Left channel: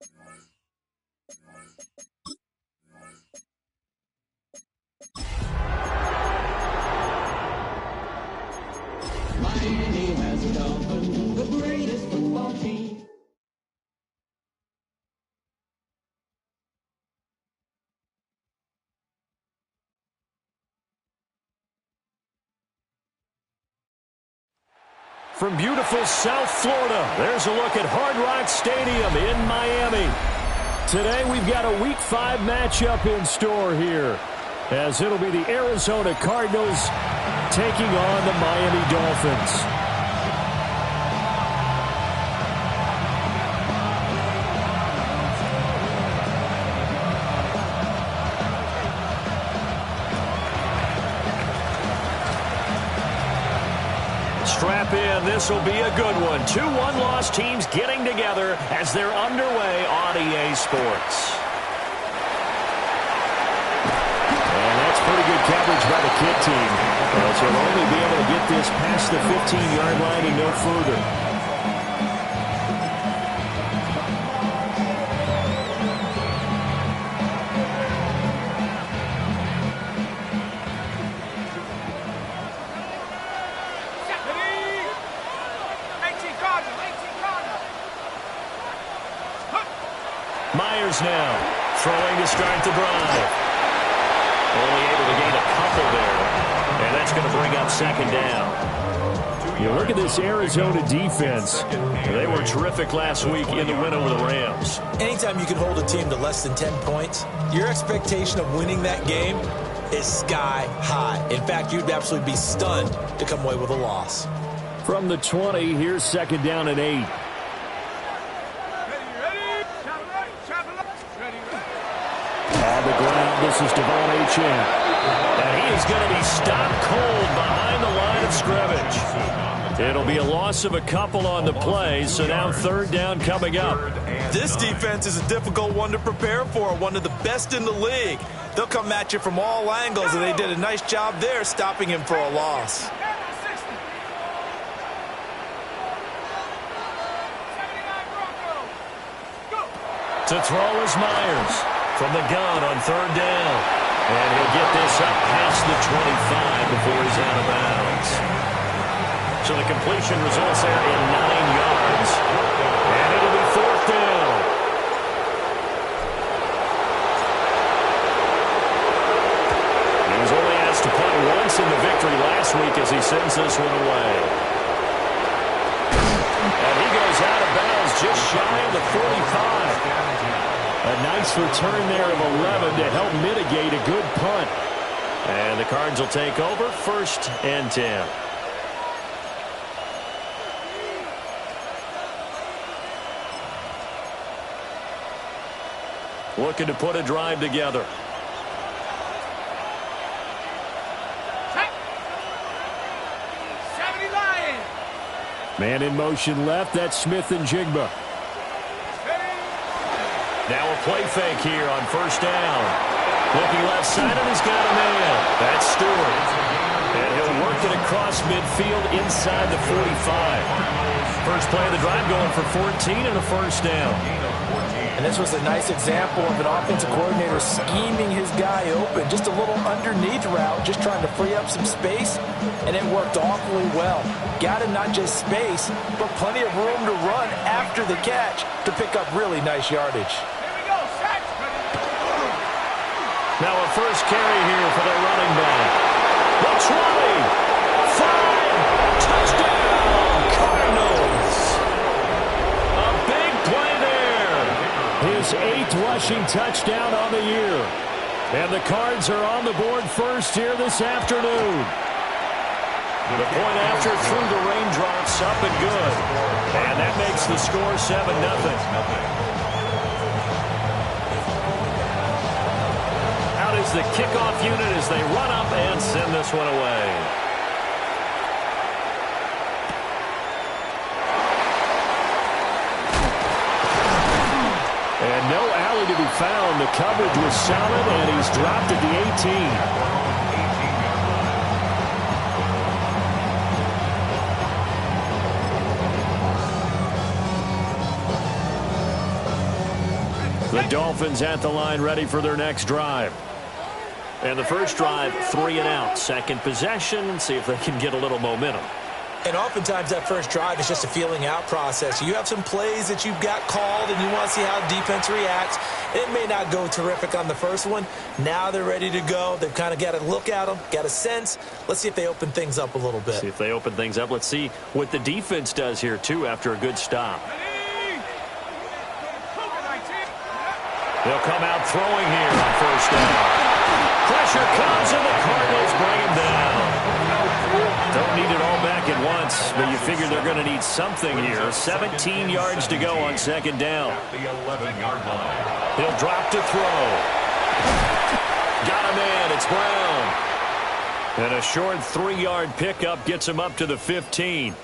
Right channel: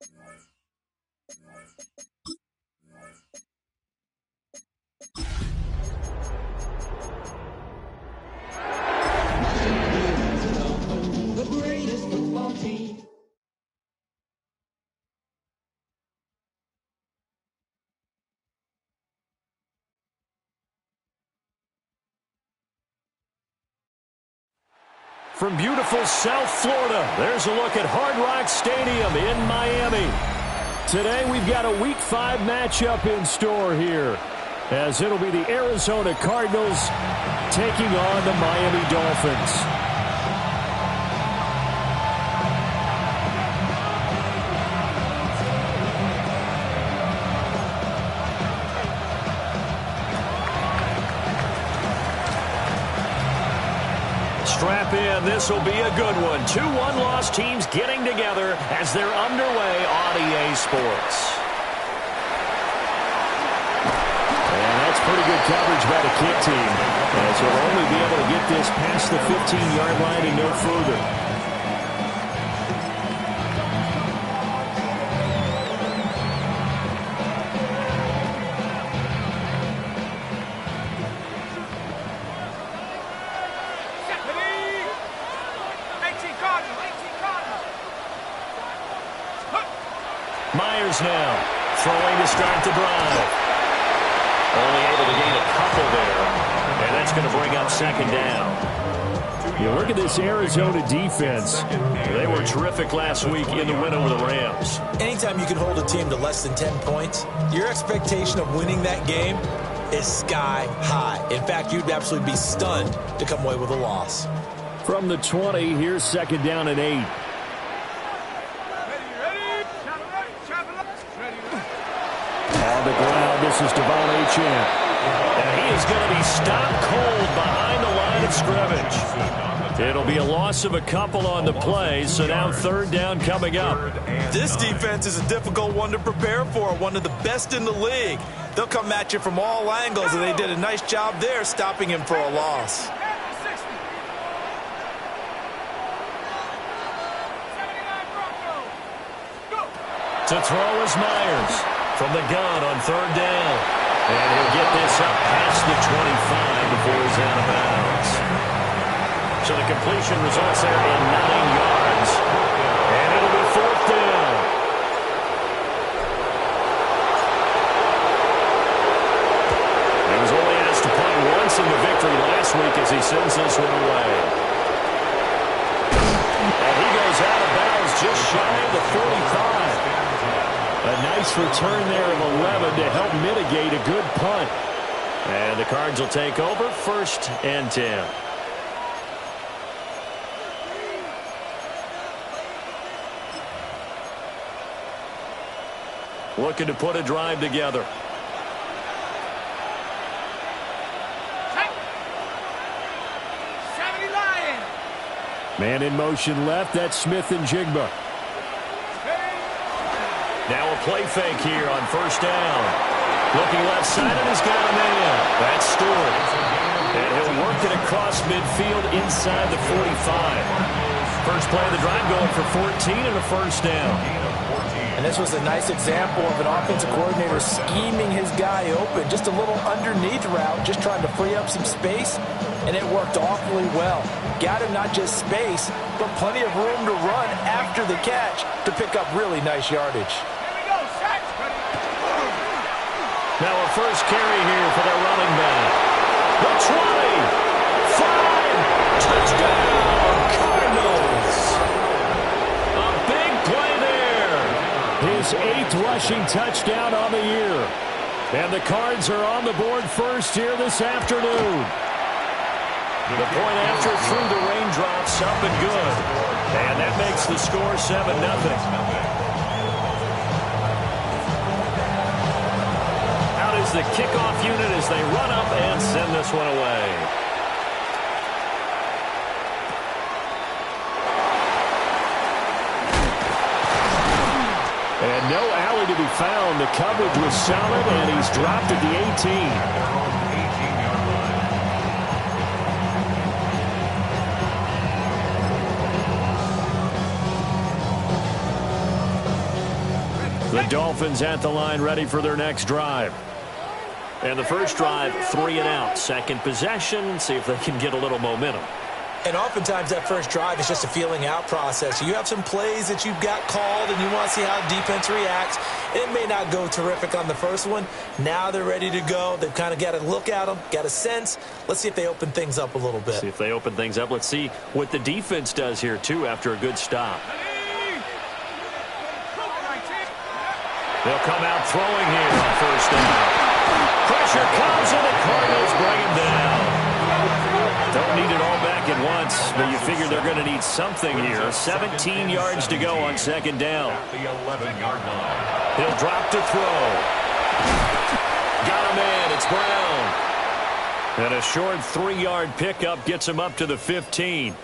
The greatest football team. From beautiful South Florida, there's a look at Hard Rock Stadium in Miami. Today we've got a Week 5 matchup in store here, as it'll be the Arizona Cardinals taking on the Miami Dolphins. Strap in, this will be a good one. 2 one-loss teams getting together as they're underway on EA Sports. And that's pretty good coverage by the kick team, as he'll only be able to get this past the 15-yard line and no further. Myers now throwing to start the drive. Only able to gain a couple there, and that's going to bring up second down. You look at this Arizona defense. They were terrific last week in the win over the Rams. Anytime you can hold a team to less than 10 points, your expectation of winning that game is sky high. In fact, you'd absolutely be stunned to come away with a loss. From the 20, here's second down and 8. On the ground, this is Devon Achane. And he is going to be stopped cold behind the line of scrimmage. It'll be a loss of a couple on the play, so now third down coming up. This defense is a difficult one to prepare for, one of the best in the league. They'll come at you from all angles, and they did a nice job there stopping him for a loss. To throw is Myers from the gun on third down. And he'll get this up past the 25 before he's out of bounds. So the completion results there in 9 yards. And it'll be fourth down. He was only asked to punt once in the victory last week as he sends this one away. And he goes out of bounds just shy of the 45. A nice return there of 11 to help mitigate a good punt. And the Cards will take over, first and 10. Looking to put a drive together. Man in motion left, that's Smith and Jigba. Now a play fake here on first down. Looking left side, and he's got a man. That's Stewart. And he'll work it across midfield inside the 45. First play of the drive going for 14 and a first down. And this was a nice example of an offensive coordinator scheming his guy open. Just a little underneath route, just trying to free up some space, and it worked awfully well. Got him not just space, but plenty of room to run after the catch to pick up really nice yardage. Now a first carry here for their running back. The 20, 5, touchdown, Cardinals. A big play there. His 8th rushing touchdown on the year. And the Cards are on the board first here this afternoon. The point after through the raindrops, up and good. And that makes the score 7-0. Is the kickoff unit as they run up and send this one away. And no alley to be found. The coverage was solid, and he's dropped at the 18. The Dolphins at the line, ready for their next drive. And the first drive, 3 and out. Second possession, see if they can get a little momentum. And oftentimes that first drive is just a feeling out process. You have some plays that you've got called and you want to see how defense reacts. It may not go terrific on the first one. Now they're ready to go. They've kind of got to look at them, got a sense. Let's see if they open things up a little bit. See if they open things up. Let's see what the defense does here, too, after a good stop. They'll come out throwing here on first down. Pressure comes and the Cardinals bring him down. Don't need it all back at once, but you figure they're going to need something here. 17 yards to go on second down. At the 11-yard line. He'll drop to throw. Got a man. It's Brown. And a short 3-yard pickup gets him up to the 15.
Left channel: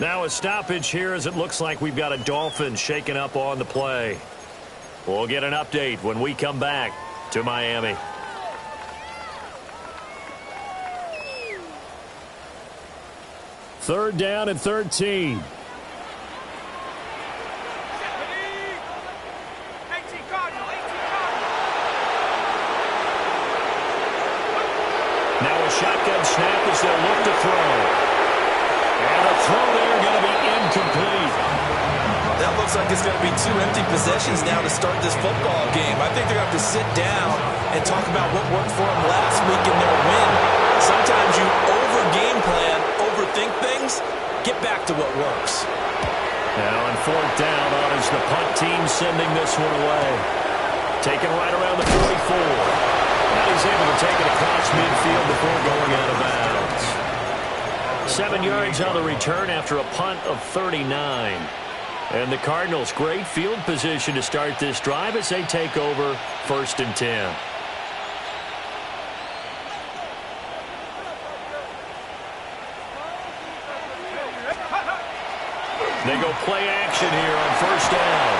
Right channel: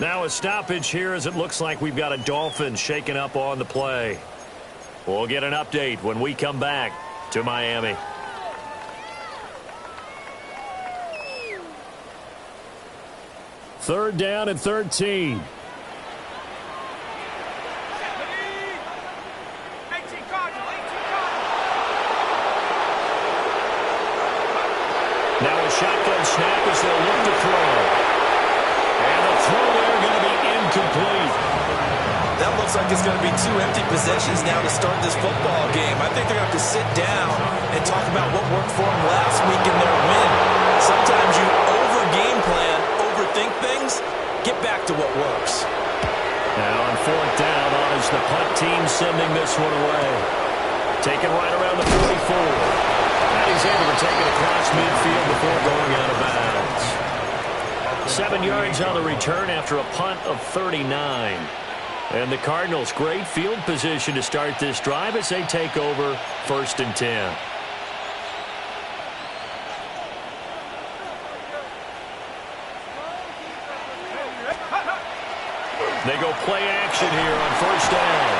Now a stoppage here as it looks like we've got a Dolphin shaken up on the play. We'll get an update when we come back to Miami. Third down and 13. Now a shotgun snap as they'll look to throw. And a throw there going to be incomplete. That looks like it's going to be 2 empty possessions now to start this football game. I think they're going to have to sit down and talk about what worked for them last week in their win. Sometimes you over-game plan, overthink things, get back to what works. Now on fourth down on is the punt team sending this one away. Taken right around the 44. Now he's able to take it across midfield before going out of bounds. 7 yards on the return after a punt of 39. And the Cardinals, great field position to start this drive as they take over 1st and 10. They go play action here on first down.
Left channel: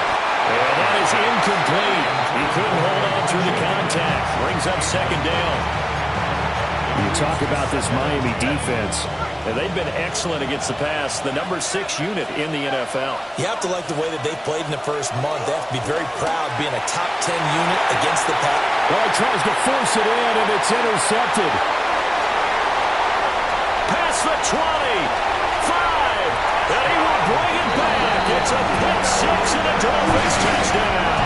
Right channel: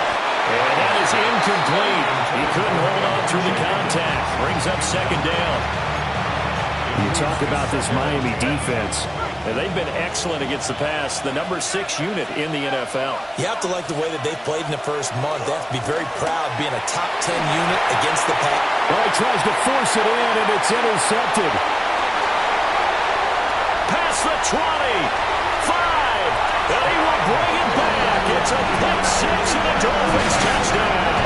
And that is incomplete. He couldn't hold on through the contact. Brings up second down. You talk about this Miami defense. And they've been excellent against the pass. The number 6 unit in the NFL. You have to like the way that they played in the first month. They have to be very proud being a top 10 unit against the pass. Well, he tries to force it in, and it's intercepted. Past the 20. 5. And he will bring it back. It's a pick 6 and a Dolphins touchdown.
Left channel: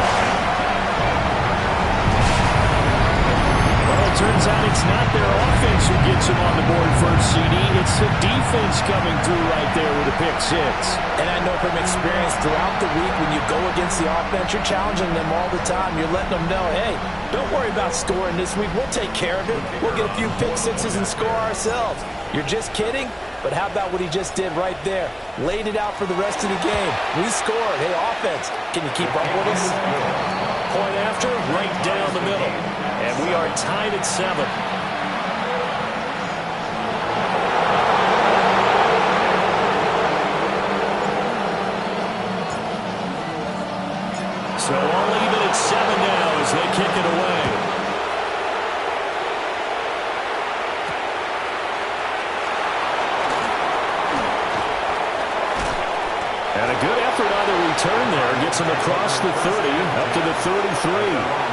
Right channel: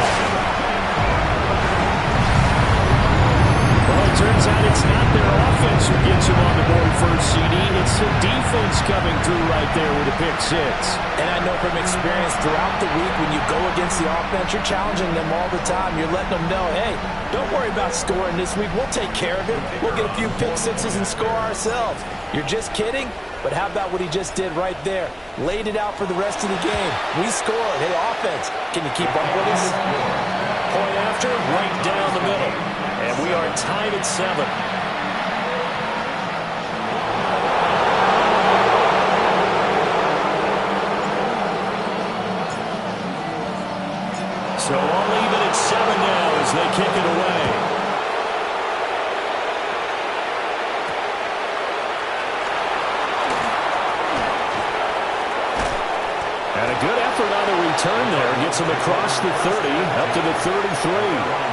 Well, it turns out it's not their offense who gets them on the board first, CD. It's the defense coming through right there with a pick 6. And I know from experience throughout the week when you go against the offense, you're challenging them all the time. You're letting them know, hey, don't worry about scoring this week. We'll take care of it. We'll get a few pick 6s and score ourselves. You're just kidding? But how about what he just did right there? Laid it out for the rest of the game. We scored. Hey, offense, can you keep up with us? Point after, right down the middle. And we are tied at 7. So all even at 7 now as they kick it away. And a good effort on the return there. Gets him across the 30, up to the 33.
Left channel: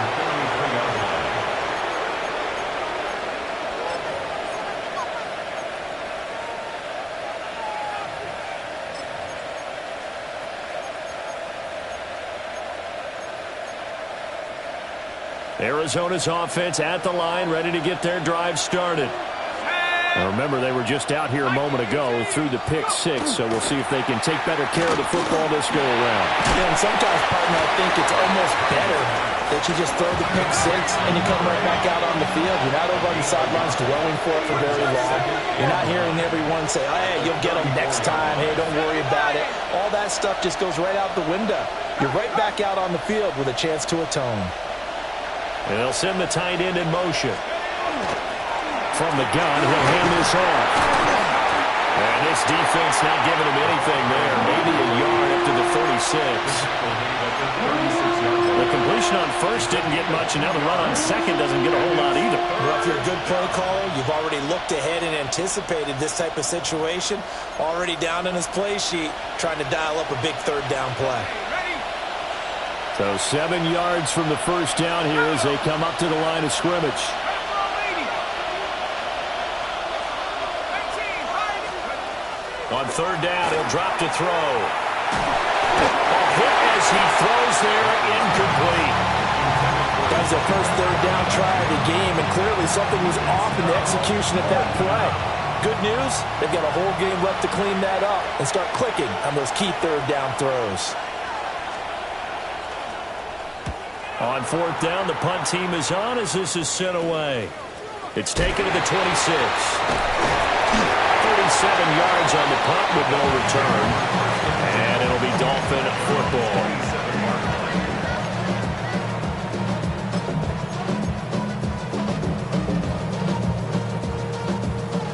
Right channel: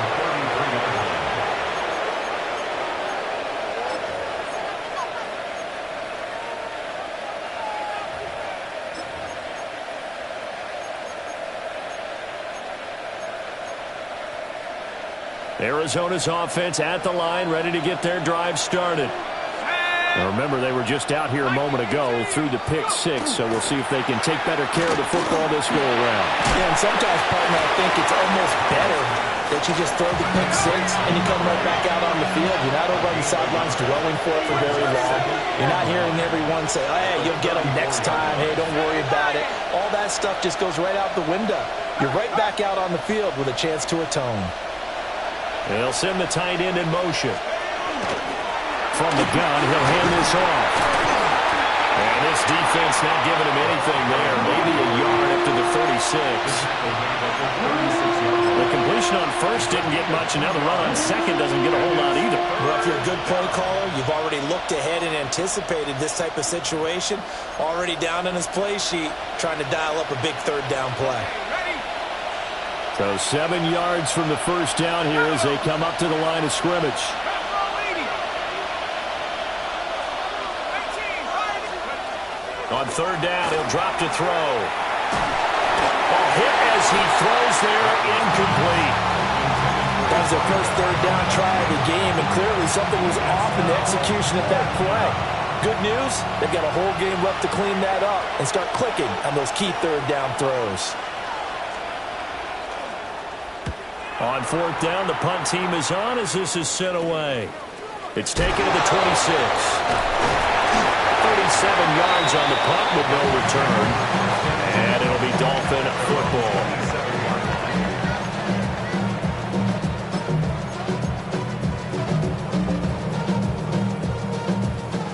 Arizona's offense at the line, ready to get their drive started. Now remember, they were just out here a moment ago through the pick 6, so we'll see if they can take better care of the football this go-around. Yeah, and sometimes, partner, I think it's almost better that you just throw the pick 6 and you come right back out on the field. You're not over on the sidelines dwelling for it for very long. You're not hearing everyone say, oh, hey, you'll get them next time. Hey, don't worry about it. All that stuff just goes right out the window. You're right back out on the field with a chance to atone. And they'll send the tight end in motion. From the gun, he'll hand this off. And this defense not giving him anything there. Maybe a yard up to the 36. The completion on first didn't get much, and now the run on second doesn't get a whole lot either. Well, if you're a good play caller, you've already looked ahead and anticipated this type of situation. Already down in his play sheet, trying to dial up a big third down play. So 7 yards from the first down here as they come up to the line of scrimmage. On third down, he'll drop to throw. A hit as he throws there, incomplete. That was their first third down try of the game, and clearly something was off in the execution of that play. Good news, they've got a whole game left to clean that up and start clicking on those key third down throws. On fourth down, the punt team is on as this is sent away. It's taken to the 26. 37 yards on the punt with no return. And it'll be Dolphin football.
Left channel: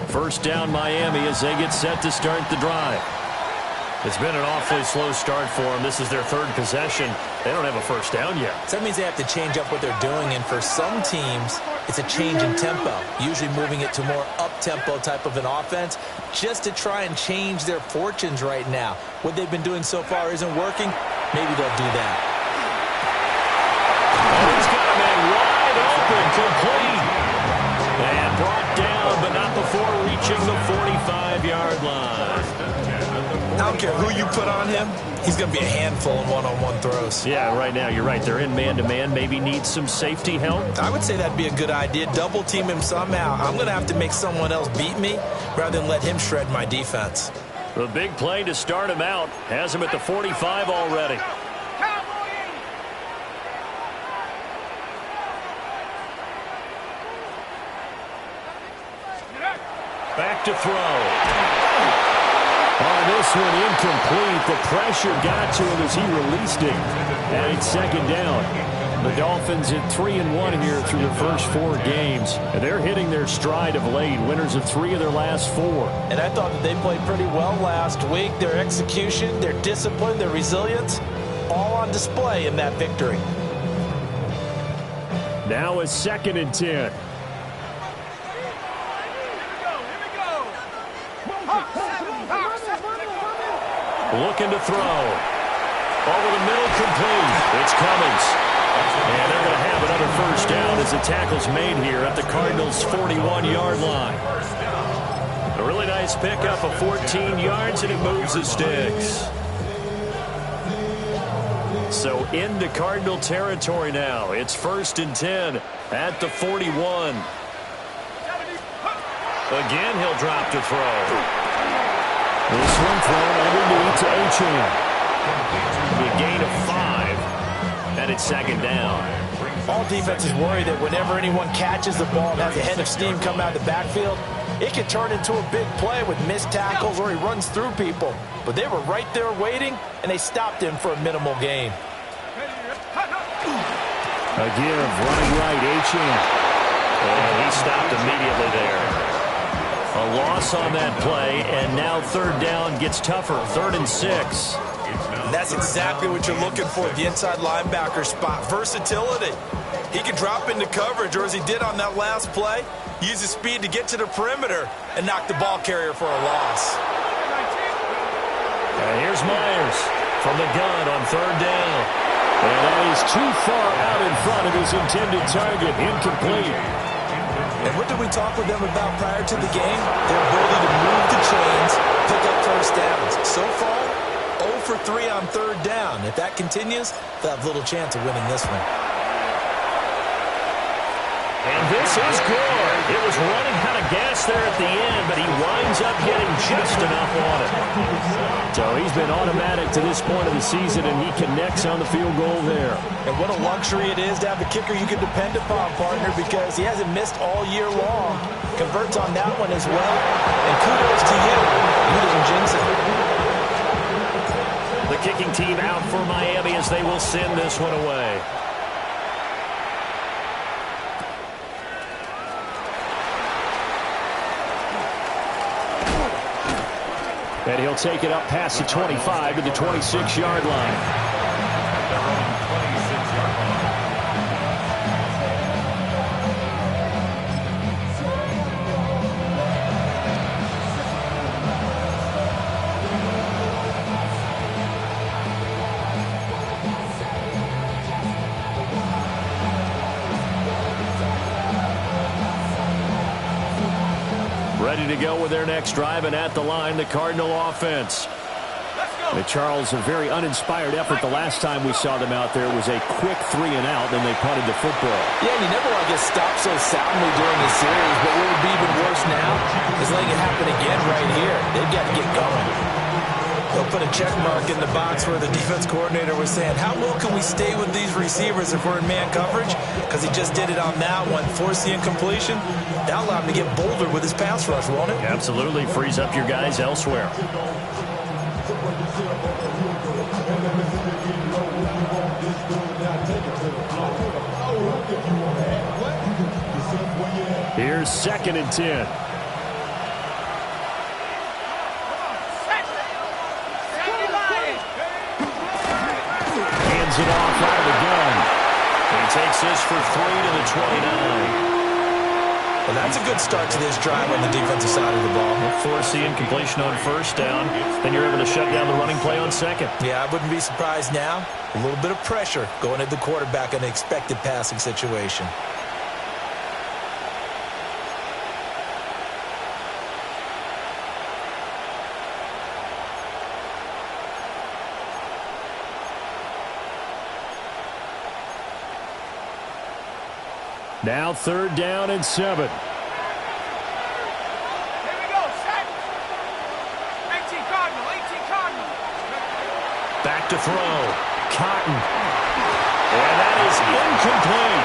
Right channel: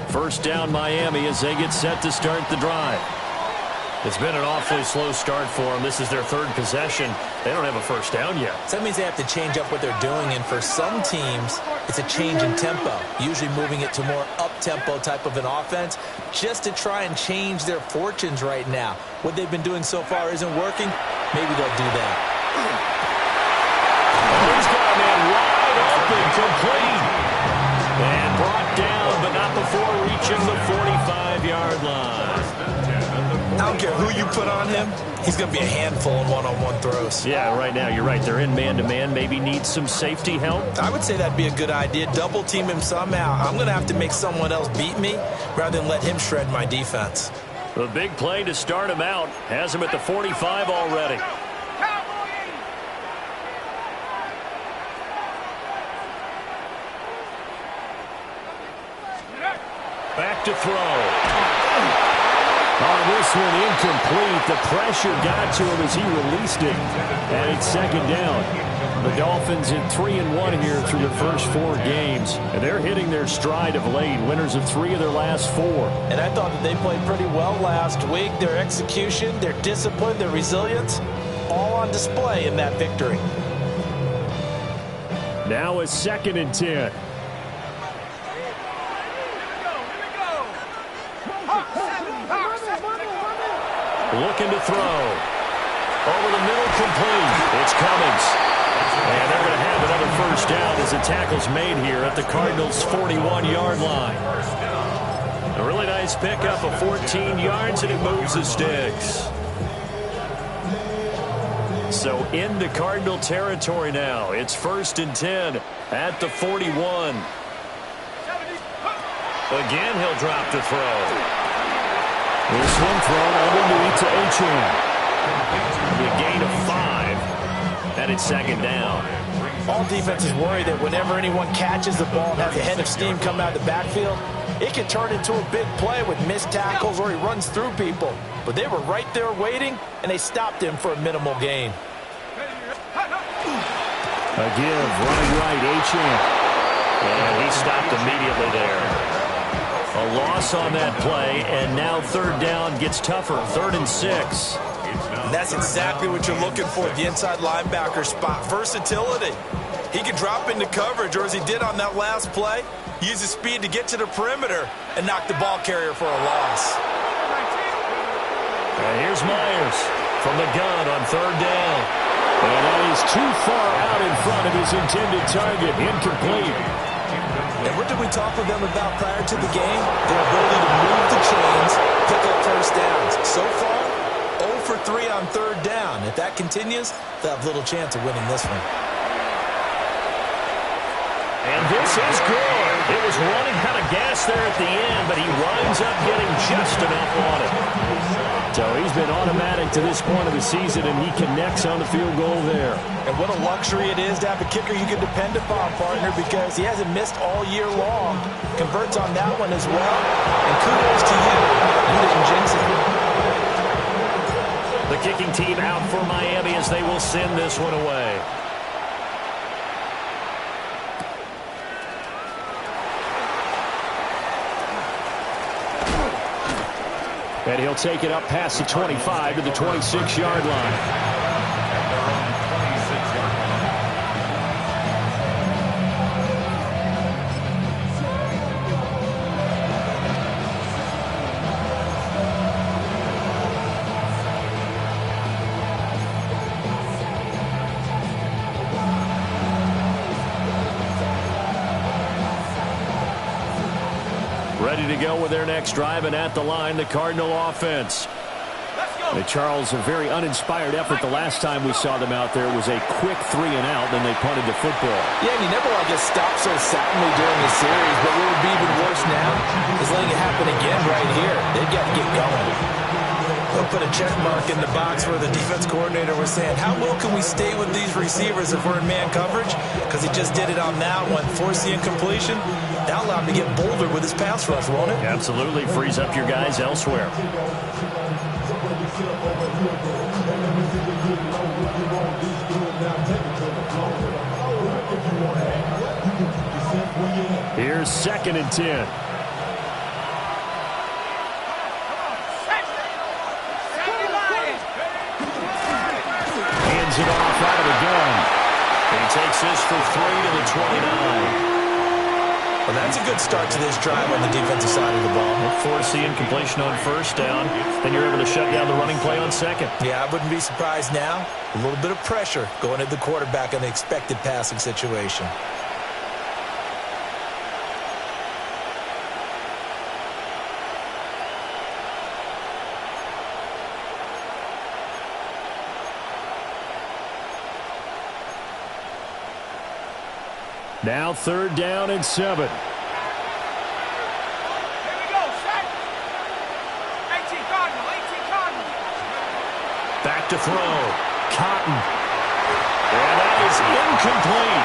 First down Miami as they get set to start the drive. It's been an awfully slow start for them. This is their third possession. They don't have a first down yet. So that means they have to change up what they're doing, and for some teams, it's a change in tempo, usually moving it to more up-tempo type of an offense just to try and change their fortunes right now. What they've been doing so far isn't working. Maybe they'll do that. Oh, he's got a man wide open, complete. And brought down, but not before reaching the 45-yard line. I don't care who you put on him. He's going to be a handful in one-on-one throws. Yeah, right now, you're right. They're in man-to-man. Maybe need some safety help. I would say that'd be a good idea. Double team him somehow. I'm going to have to make someone else beat me rather than let him shred my defense. The big play to start him out has him at the 45 already. Back to throw. On this one, incomplete. The pressure got to him as he released it. And it's second down. The Dolphins at 3-1 here through their first 4 games. And they're hitting their stride of late. Winners of 3 of their last 4. And I thought that they played pretty well last week. Their execution, their discipline, their resilience, all on display in that victory. Now a 2nd and 10. Looking to throw. Over the middle, complete. It's Cummings. And they're going to have another first down as the tackle's made here at the Cardinals' 41-yard line. A really nice pickup of 14 yards, and it moves the sticks. So into Cardinal territory now. It's 1st and 10 at the 41. Again, he'll drop to throw. This one thrown underneath to Achane. A gain of 5, and it's second down. All defenses worry that whenever anyone catches the ball and has a head of steam come out of the backfield, it can turn into a big play with missed tackles or he runs through people. But they were right there waiting, and they stopped him for a minimal gain. A give, running right, Achane. And he stopped immediately there. A loss on that play, and now third down gets tougher. 3rd and 6. And that's exactly what you're looking for at the inside linebacker spot. Versatility. He can drop into coverage, or as he did on that last play, use his speed to get to the perimeter and knock the ball carrier for a loss. Here's Myers from the gun on third down. And that is too far out in front of his intended target. Incomplete. And what did we talk with them about prior to the game? Their ability to move the chains, pick up first downs. So far, 0 for 3 on third down. If that continues, they'll have little chance of winning this one. And this is good. It was running out of gas there at the end, but he winds up getting just enough on it. So he's been automatic to this point of the season, and he connects on the field goal there. And what a luxury it is to have a kicker you can depend upon, partner, because he hasn't missed all year long. Converts on that one as well. And kudos to you. You didn't jinx it. The kicking team out for Miami as they will send this one away. And he'll take it up past the 25 to the 26-yard line. At their own 26-yard line. Ready to go with their next drive, and at the line, the Cardinal offense. Charles, a very uninspired effort the last time we saw them out there was a quick 3 and out, then they punted the football. Yeah, and you never want to get stopped so soundly during the series, but what would be even worse now is letting it happen again right here. They've got to get going. They'll put a check mark in the box where the defense coordinator was saying, how well can we stay with these receivers if we're in man coverage? Because he just did it on that one, forced the incompletion. That'll allow him to get bolder with his pass rush, won't it? Absolutely. Frees up your guys elsewhere. Here's 2nd and 10. Hands it off out of the gun. He takes this for 3 to the 29. Well, that's a good start to this drive on the defensive side of the ball. Force the incompletion on 1st down. Then you're able to shut down the running play on 2nd. Yeah, I wouldn't be surprised now. A little bit of pressure going at the quarterback in an expected passing situation. Now 3rd down and 7. Here we go, set. 18 Cardinal, 18 Cardinal. Back to throw. Cotton. And that is incomplete.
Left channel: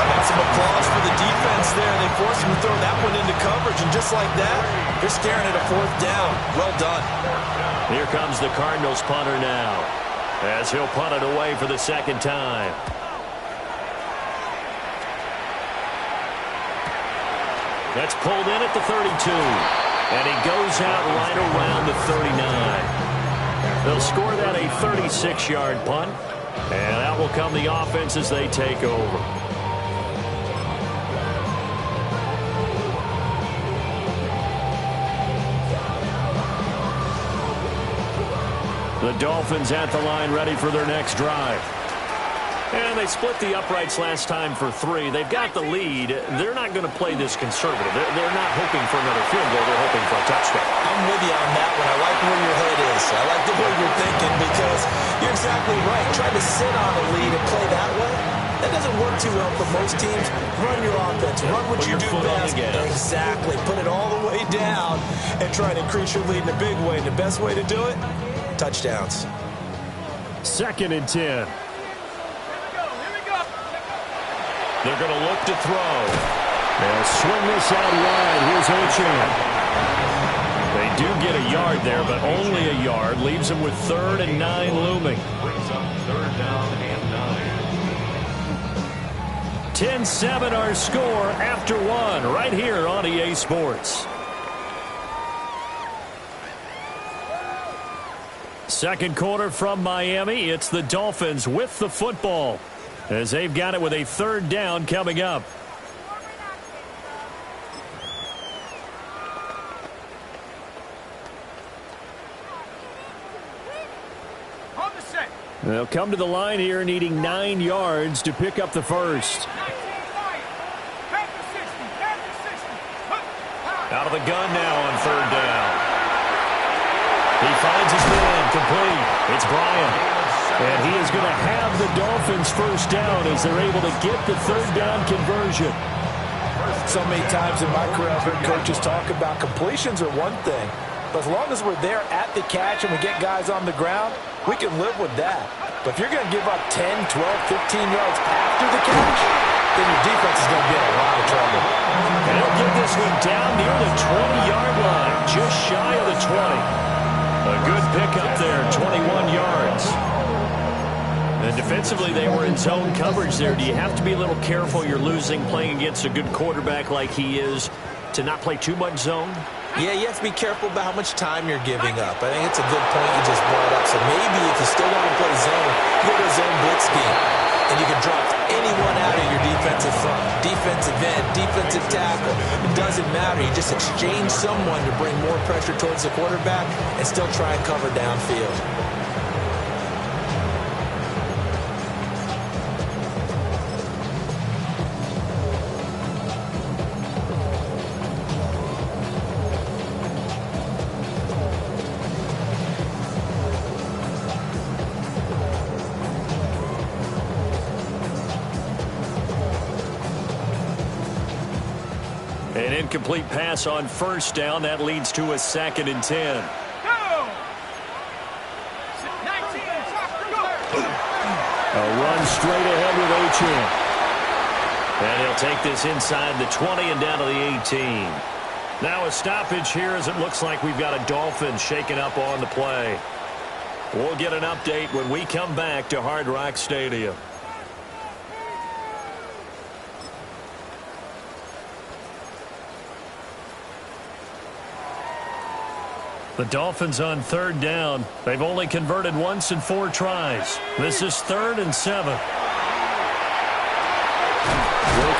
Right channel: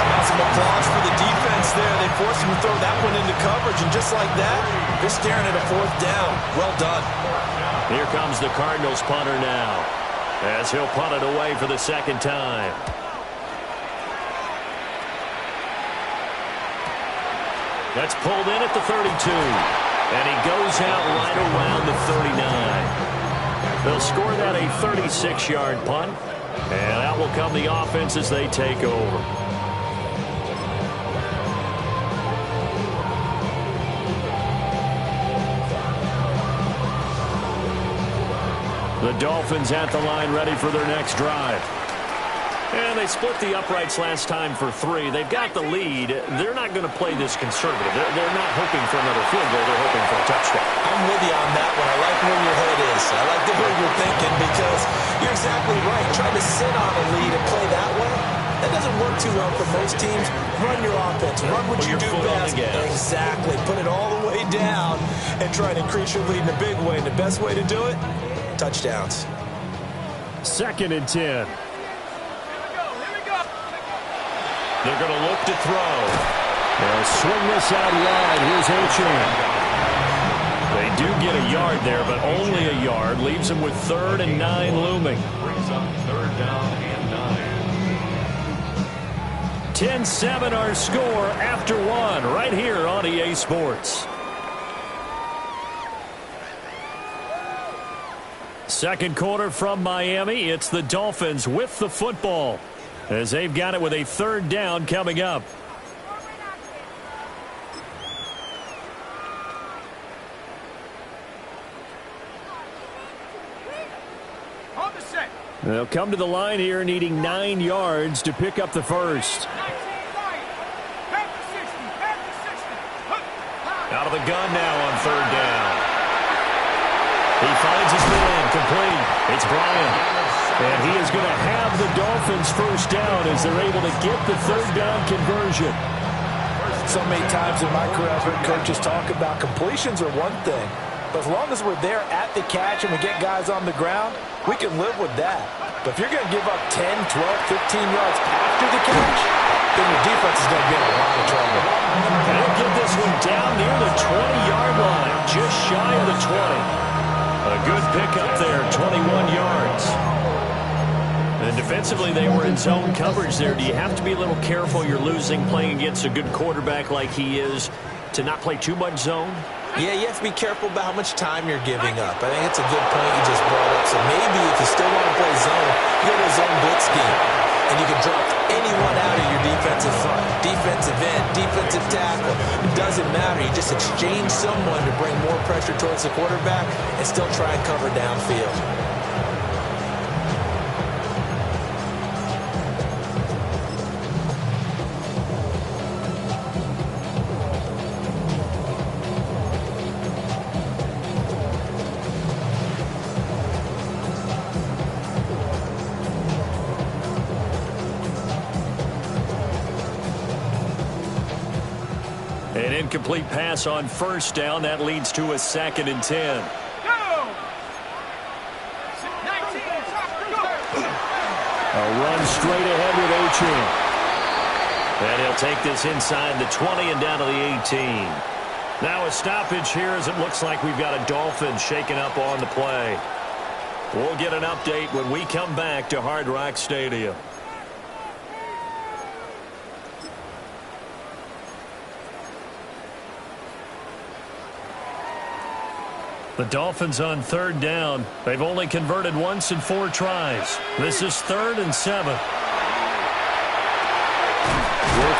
How about some applause for the defense there? They forced him to throw that one into coverage, and just like that, they're staring at a 4th down. Well done. Here comes the Cardinals punter now, as he'll punt it away for the 2nd time. That's pulled in at the 32. And he goes out right around the 39. They'll score that a 36-yard punt. And out will come the offense as they take over. The Dolphins at the line ready for their next drive. And they split the uprights last time for 3. They've got the lead. They're not going to play this conservative. They're not hoping for another field goal. They're hoping for a touchdown. I'm with you on that one. I like where your head is. I like the way you're thinking because you're exactly right. Trying to sit on a lead and play that way, that doesn't work too well for most teams. Run your offense. Run what you do best. Exactly. Put it all the way down and try to increase your lead in a big way. And the best way to do it, touchdowns. 2nd and 10. They're going to look to throw. They'll swing this out wide. Here's Achane. They do get a yard there, but only a yard. Leaves them with 3rd and 9 looming. Brings up 3rd down and 9. 10-7 our score after 1 right here on EA Sports. Second quarter from Miami. It's the Dolphins with the football, as they've got it with a 3rd down coming up. Hold the set. They'll come to the line here needing 9 yards to pick up the first. 19 Lions. Back to 60. Back to 60. Out of the gun now on 3rd down. He finds his man complete. It's Bryant. And he is going to have the Dolphins first down as they're able to get the 3rd down conversion. So many times in my career, I've heard coaches talk about completions are one thing. But as long as we're there at the catch and we get guys on the ground, we can live with that. But if you're going to give up 10, 12, 15 yards after the catch, then your defense is going to be in a lot of trouble. And he'll get this one down near the 20-yard line, just shy of the 20. A good pickup there, 21 yards. And defensively, they were in zone coverage there. Do you have to be a little careful? You're losing playing against a good quarterback like he is to not play too much zone? Yeah, you have to be careful about how much time you're giving up. I think it's a good point you just brought up. So maybe if you still want to play zone, you go to a zone blitz scheme. And you can drop anyone out of your defensive front. Defensive end, defensive tackle. It doesn't matter. You just exchange someone to bring more pressure towards the quarterback and still try and cover downfield. Incomplete pass on first down. That leads to a 2nd and 10. Go! 19, go! A run straight ahead with Achane. And he'll take this inside the 20 and down to the 18. Now a stoppage here as it looks like we've got a Dolphins shaking up on the play. We'll get an update when we come back to Hard Rock Stadium. The Dolphins on 3rd down. They've only converted once in 4 tries. This is 3rd and 7. Work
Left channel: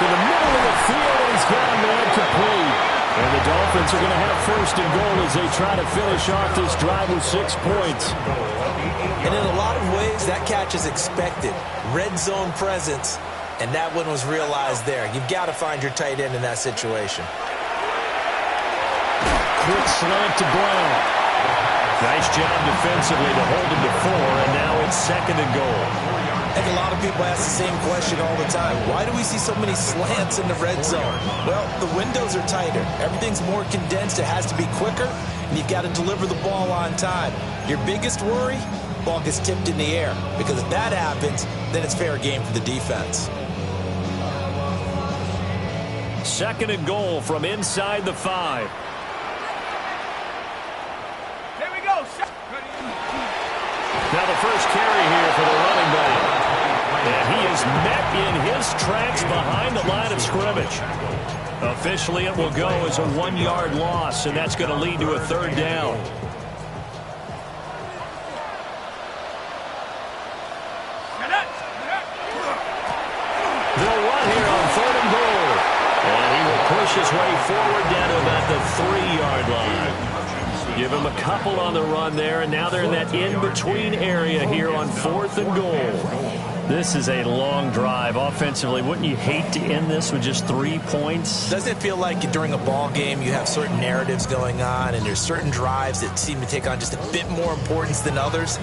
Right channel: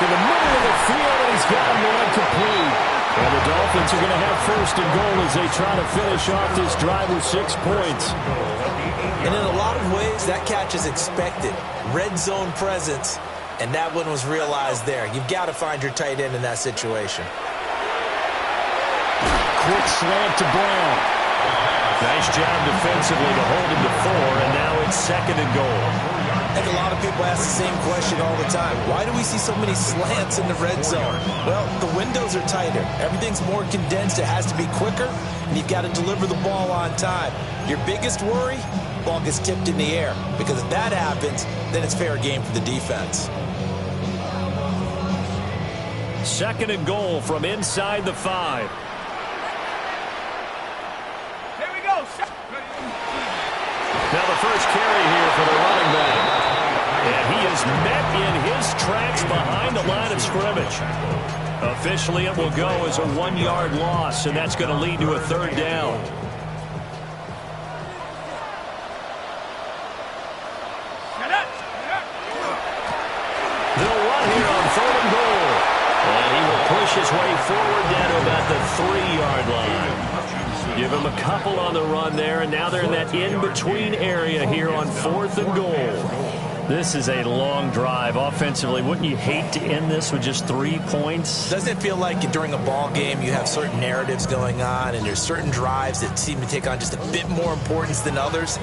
in the middle of the field, and he's got a man complete. And the Dolphins are going to have 1st and goal as they try to finish off this drive with 6 points. And in a lot of ways, that catch is expected. Red zone presence, and that one was realized there. You've got to find your tight end in that situation. Quick slant to Brown. Nice job defensively to hold him to 4, and now it's 2nd and goal. I think a lot of people ask the same question all the time. Why do we see so many slants in the red zone? Well, the windows are tighter. Everything's more condensed. It has to be quicker, and you've got to deliver the ball on time. Your biggest worry, ball gets tipped in the air, because if that happens, then it's fair game for the defense. 2nd and goal from inside the 5. Here we go. Now the first carry here for the running back. And he is met in his tracks behind the line of scrimmage. Officially, it will go as a 1-yard loss, and that's going to lead to a 3rd down. They'll run here on 3rd and goal. And he will push his way forward down to about the 3-yard line. Give him a couple on the run there, and now they're in that in-between area here on 4th and goal. This is a long drive offensively. Wouldn't you hate to end this with just 3 points? Doesn't it feel like during a ball game you have certain narratives going on and there's certain drives that seem to take on just a bit more importance than others?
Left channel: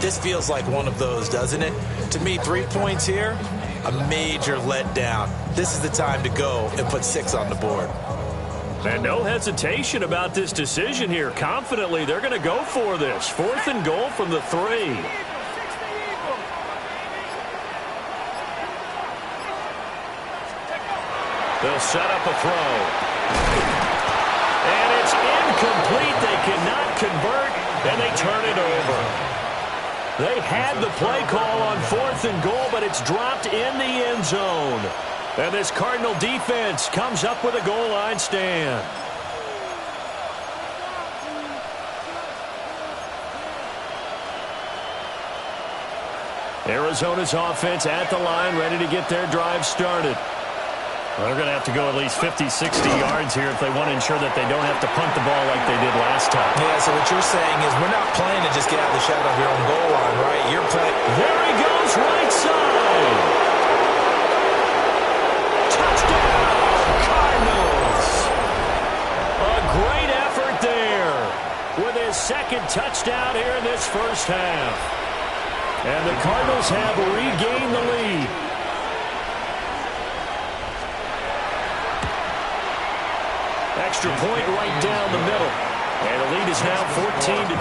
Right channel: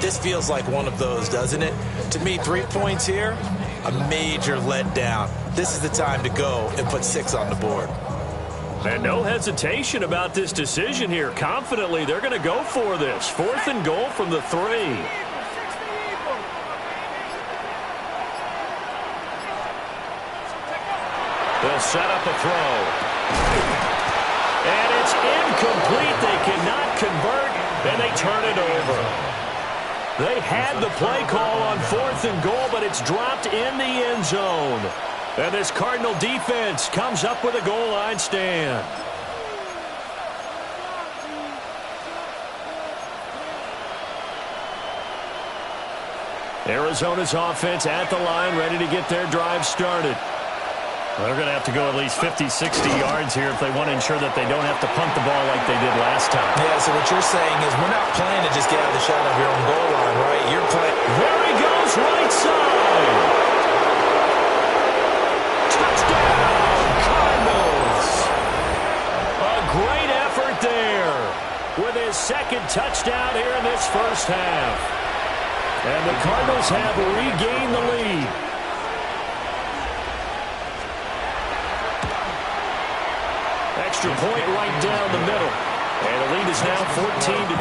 This feels like one of those, doesn't it? To me, 3 points here, a major letdown. This is the time to go and put 6 on the board. And no hesitation about this decision here. Confidently, they're going to go for this. 4th and goal from the 3. They'll set up a throw. And it's incomplete. They cannot convert, and they turn it over. They had the play call on 4th and goal, but it's dropped in the end zone. And this Cardinal defense comes up with a goal line stand. Arizona's offense at the line, ready to get their drive started. Well, they're going to have to go at least 50, 60 yards here if they want to ensure that they don't have to punt the ball like they did last time. Yeah, so what you're saying is we're not playing to just get out of the shadow of your own goal line, right? You're playing. There he goes, right side. Touchdown, Cardinals. A great effort there with his 2nd touchdown here in this first half. And the Cardinals have regained the lead. Extra point right down the middle. And the lead is now 14-10. 14.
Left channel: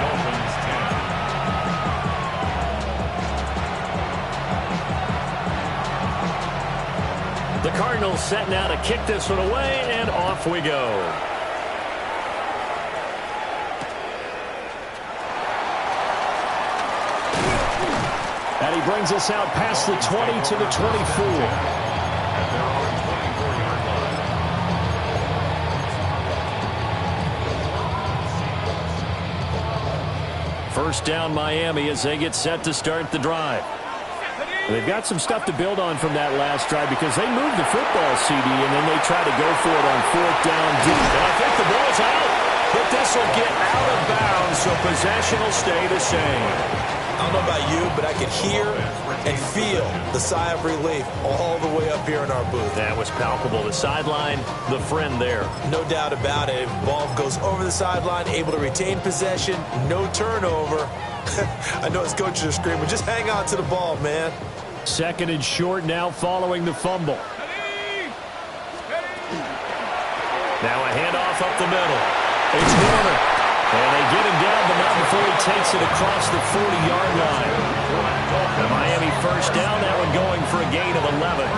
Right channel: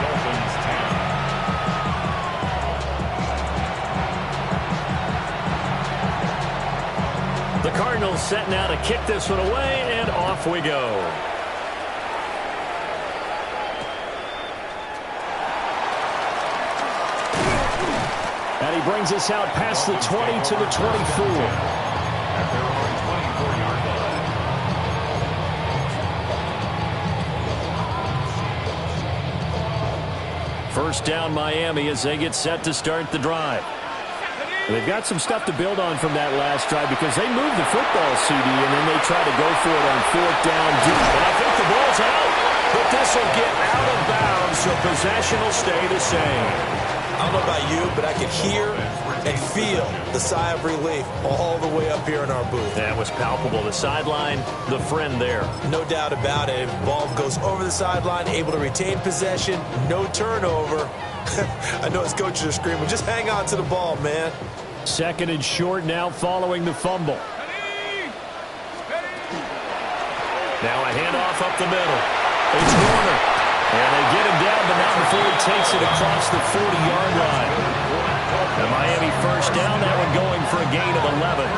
Dolphins 10. The Cardinals set now to kick this one away, and off we go. And he brings us out past the 20 to the 24. At their own 24-yard line. First down Miami as they get set to start the drive. They've got some stuff to build on from that last drive because they moved the football, CD, and then they try to go for it on 4th down deep. And I think the ball's out, but this will get out of bounds, so possession will stay the same. I don't know about you, but I could hear and feel the sigh of relief all the way up here in our booth. That was palpable. The sideline, the friend there. No doubt about it. Ball goes over the sideline, able to retain possession, no turnover. I know his coaches are screaming, just hang on to the ball, man. 2nd and short now following the fumble. Now a handoff up the middle. It's Warner. And they get him down, but not before he takes it across the 40-yard line. The Miami first down, that one going for a gain of 11.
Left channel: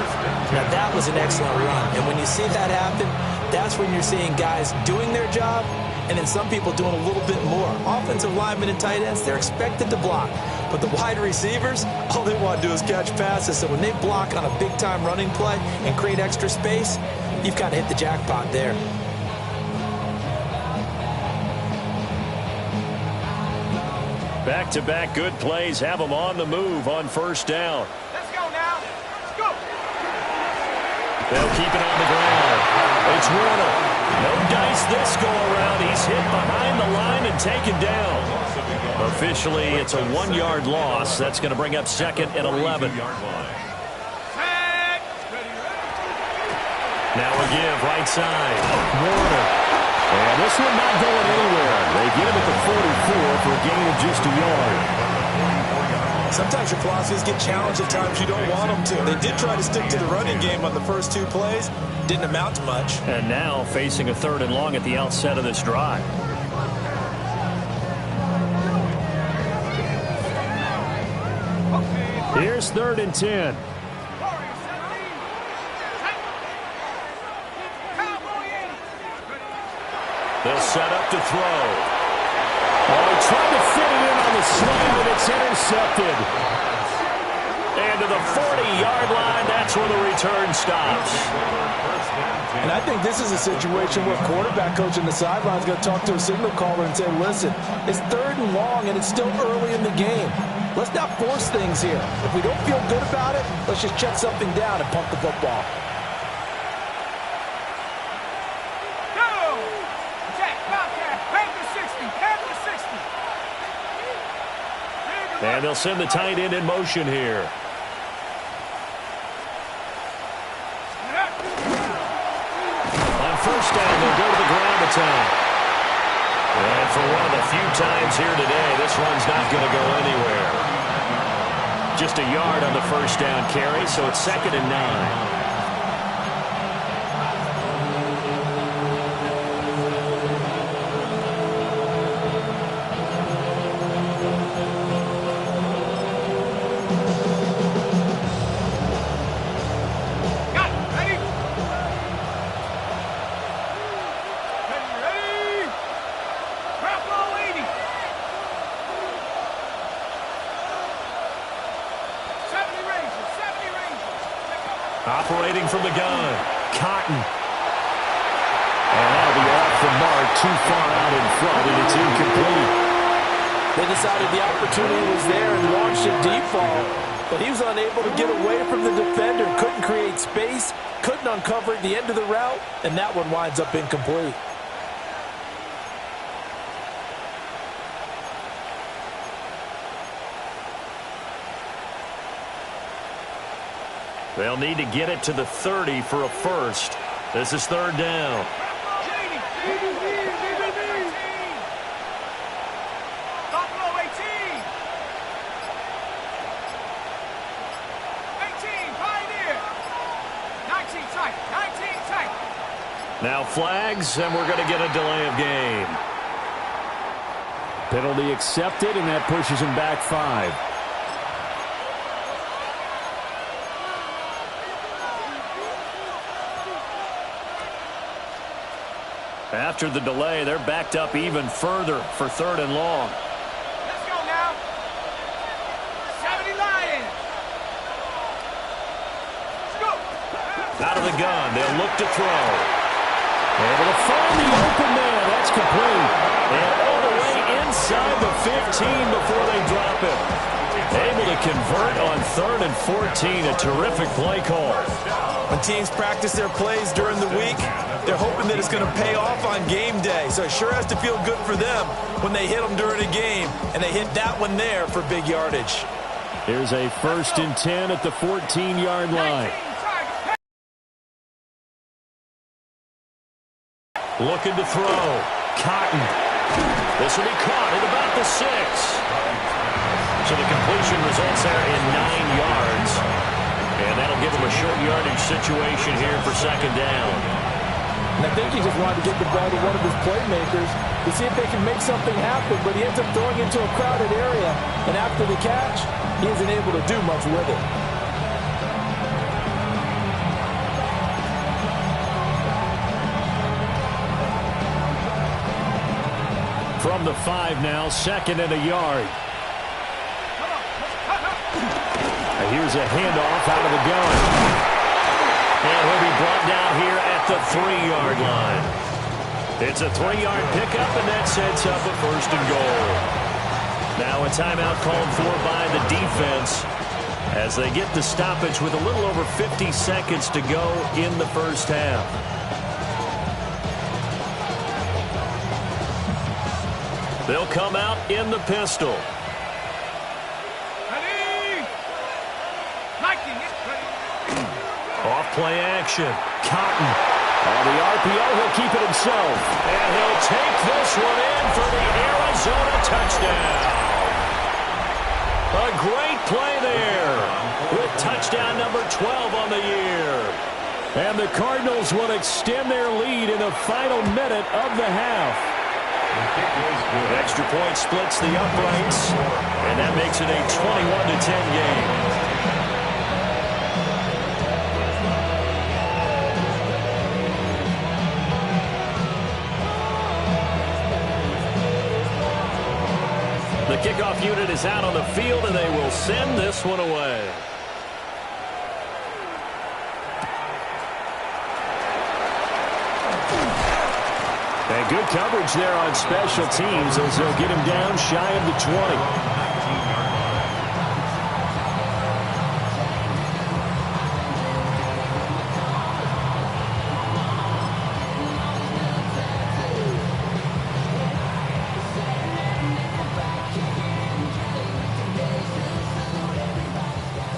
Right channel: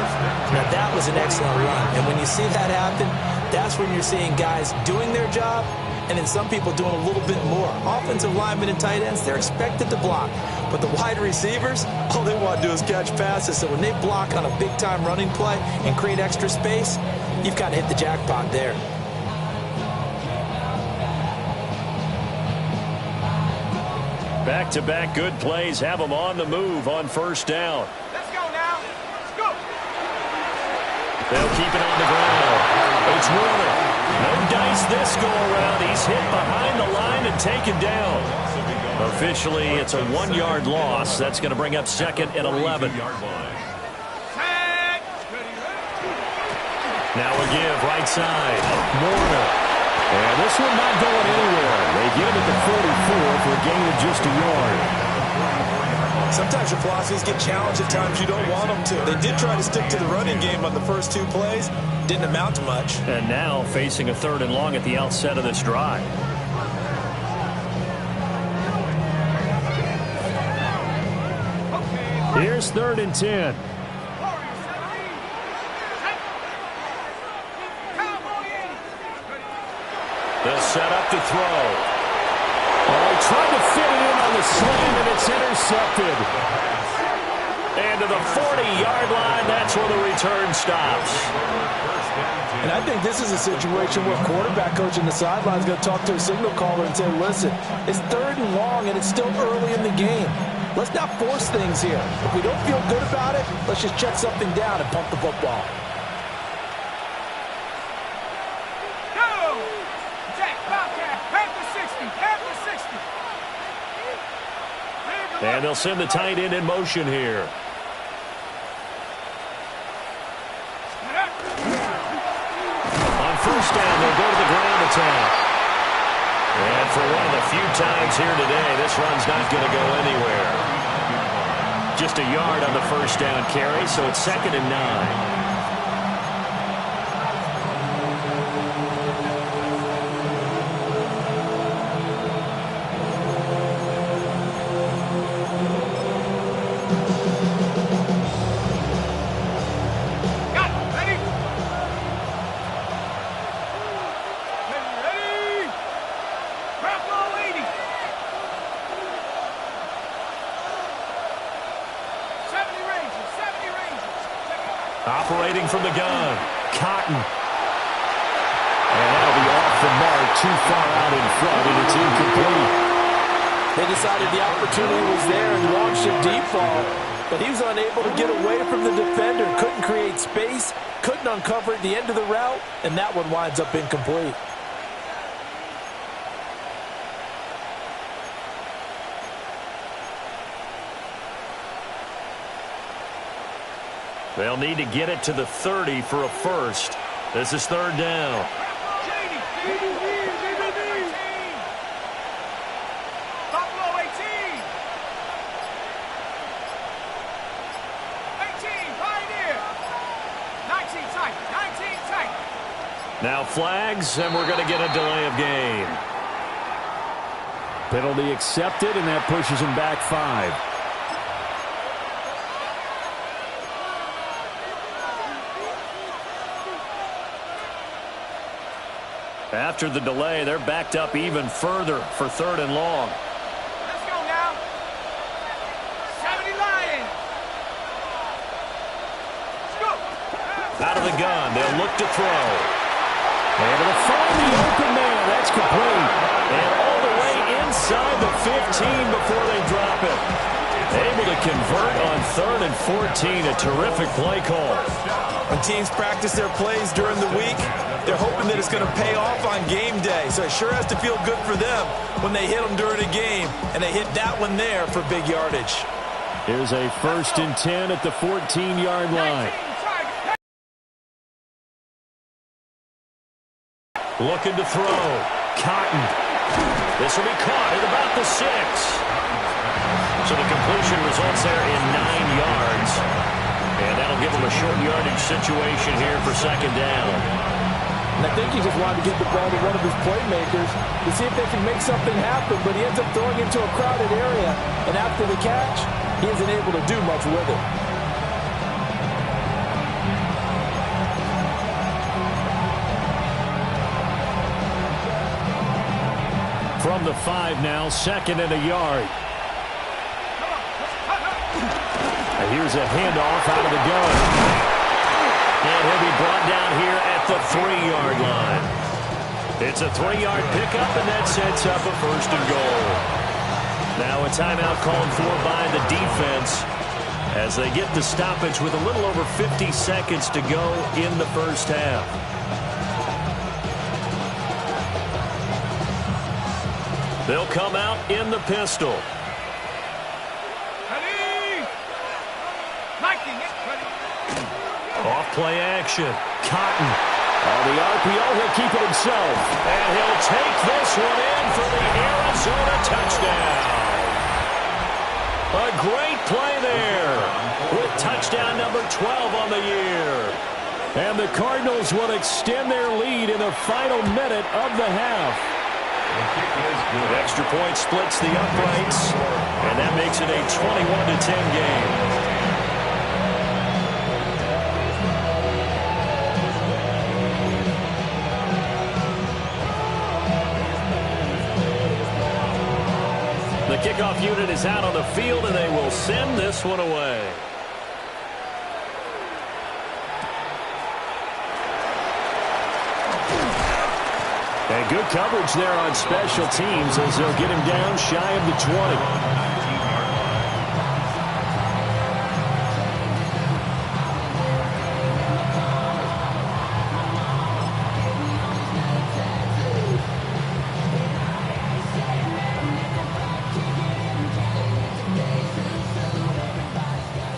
Now that was an excellent run. And when you see that happen, that's when you're seeing guys doing their job and then some people doing a little bit more. Offensive linemen and tight ends, they're expected to block. But the wide receivers, all they want to do is catch passes. So when they block on a big-time running play and create extra space, you've kind of hit the jackpot there. Back-to-back good plays have them on the move on first down. Let's go now. Let's go. They'll keep it on the ground. It's Warner. No dice this go-around. He's hit behind the line and taken down. Officially, it's a 1-yard loss. That's going to bring up second and 11. Now a give right side. Warner. And this one not going anywhere. They get him at the 44 for a gain of just a yard. Sometimes your philosophies get challenged at times you don't want them to. They did try to stick to the running game on the first 2 plays. Didn't amount to much. And now facing a 3rd and long at the outset of this drive. Here's 3rd and 10. They'll set up to throw. Oh, he tried to fit it in on the slant, and it's intercepted. And to the 40-yard line, that's where the return stops. And I think this is a situation where quarterback coach in the sideline is going to talk to a signal caller and say, listen, it's 3rd and long, and it's still early in the game. Let's not force things here. If we don't feel good about it, let's just check something down and pump the football. And they'll send the tight end in motion here. On first down, they'll go to the ground attack. And for one of the few times here today, this run's not going to go anywhere. Just a yard on the first down carry, so it's 2nd and 9. Operating from the gun, Cotton. And that'll be off the mark, too far out in front, and it's incomplete. They decided the opportunity was there and launched a deep ball, but he was unable to get away from the defender, couldn't create space, couldn't uncover at the end of the route, and that one winds up incomplete. They'll need to get it to the 30 for a first. This is 3rd down. Buffalo 18. 18, Pioneer. 19 tight, 19 tight. Now flags, and we're going to get a delay of game. Penalty accepted, and that pushes him back 5. After the delay, they're backed up even further for 3rd and long. Let's go now. 70 Lions. Let's go. Out of the gun, they'll look to throw. Able to find the open man. That's complete. And all the way inside the 15 before they drop it. Able to convert on 3rd and 14. A terrific play call. When teams practice their plays during the week, they're hoping that it's going to pay off on game day. So it sure has to feel good for them when they hit them during a game, and they hit that one there for big yardage. Here's a 1st and 10 at the 14-yard line. Looking to throw. Cotton. This will be caught at about the 6. So the completion results there in 9 yards. And that'll give them a short yardage situation here for 2nd down. And I think he just wanted to get the ball to one of his playmakers to see if they can make something happen, but he ends up throwing into a crowded area, and after the catch, he isn't able to do much with it. From the 5 now, 2nd and a yard. Here's a handoff out of the gun. And he'll be brought down here at the 3-yard line. It's a 3-yard pickup, and that sets up a 1st and goal. Now a timeout called for by the defense as they get the stoppage with a little over 50 seconds to go in the first half. They'll come out in the pistol. Off play action. Cotton. On the RPO, he'll keep it himself. And he'll take this one in for the Arizona touchdown. A great play there with touchdown number 12 on the year. And the Cardinals will extend their lead in the final minute of the half. Extra point splits the uprights, and that makes it a 21-10 game. The kickoff unit is out on the field, and they will send this one away. And good coverage there on special teams as they'll get him down shy of the 20.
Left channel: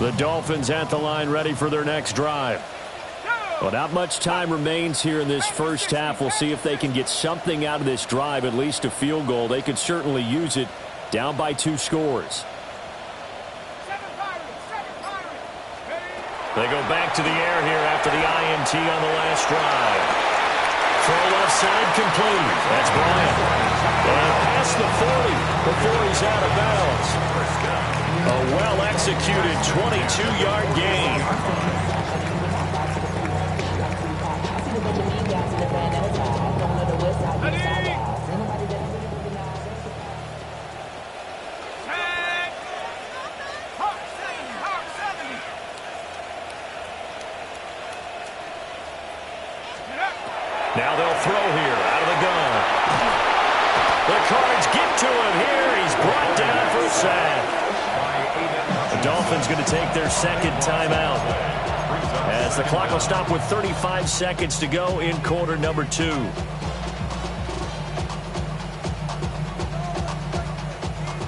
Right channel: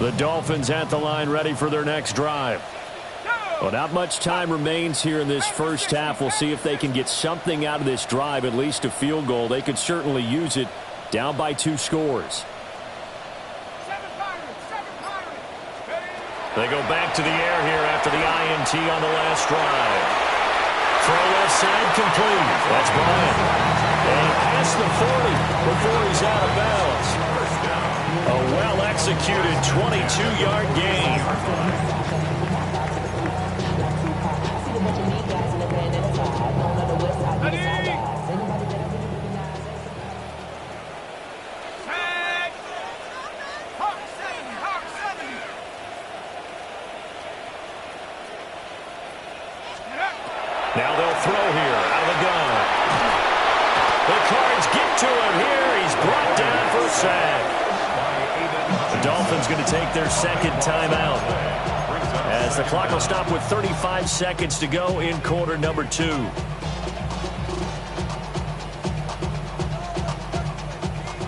The Dolphins at the line ready for their next drive. Well, not much time remains here in this first half. We'll see if they can get something out of this drive, at least a field goal. They could certainly use it, down by 2 scores. They go back to the air here after the INT on the last drive. Throw left side complete. That's Bryant. And past the 40 before he's out of bounds. A well-executed 22-yard gain. Now they'll throw here out of the gun. The Cards get to him here. He's brought down for a sack. The Dolphins going to take their 2nd timeout as the clock will stop with 35 seconds to go in quarter number 2.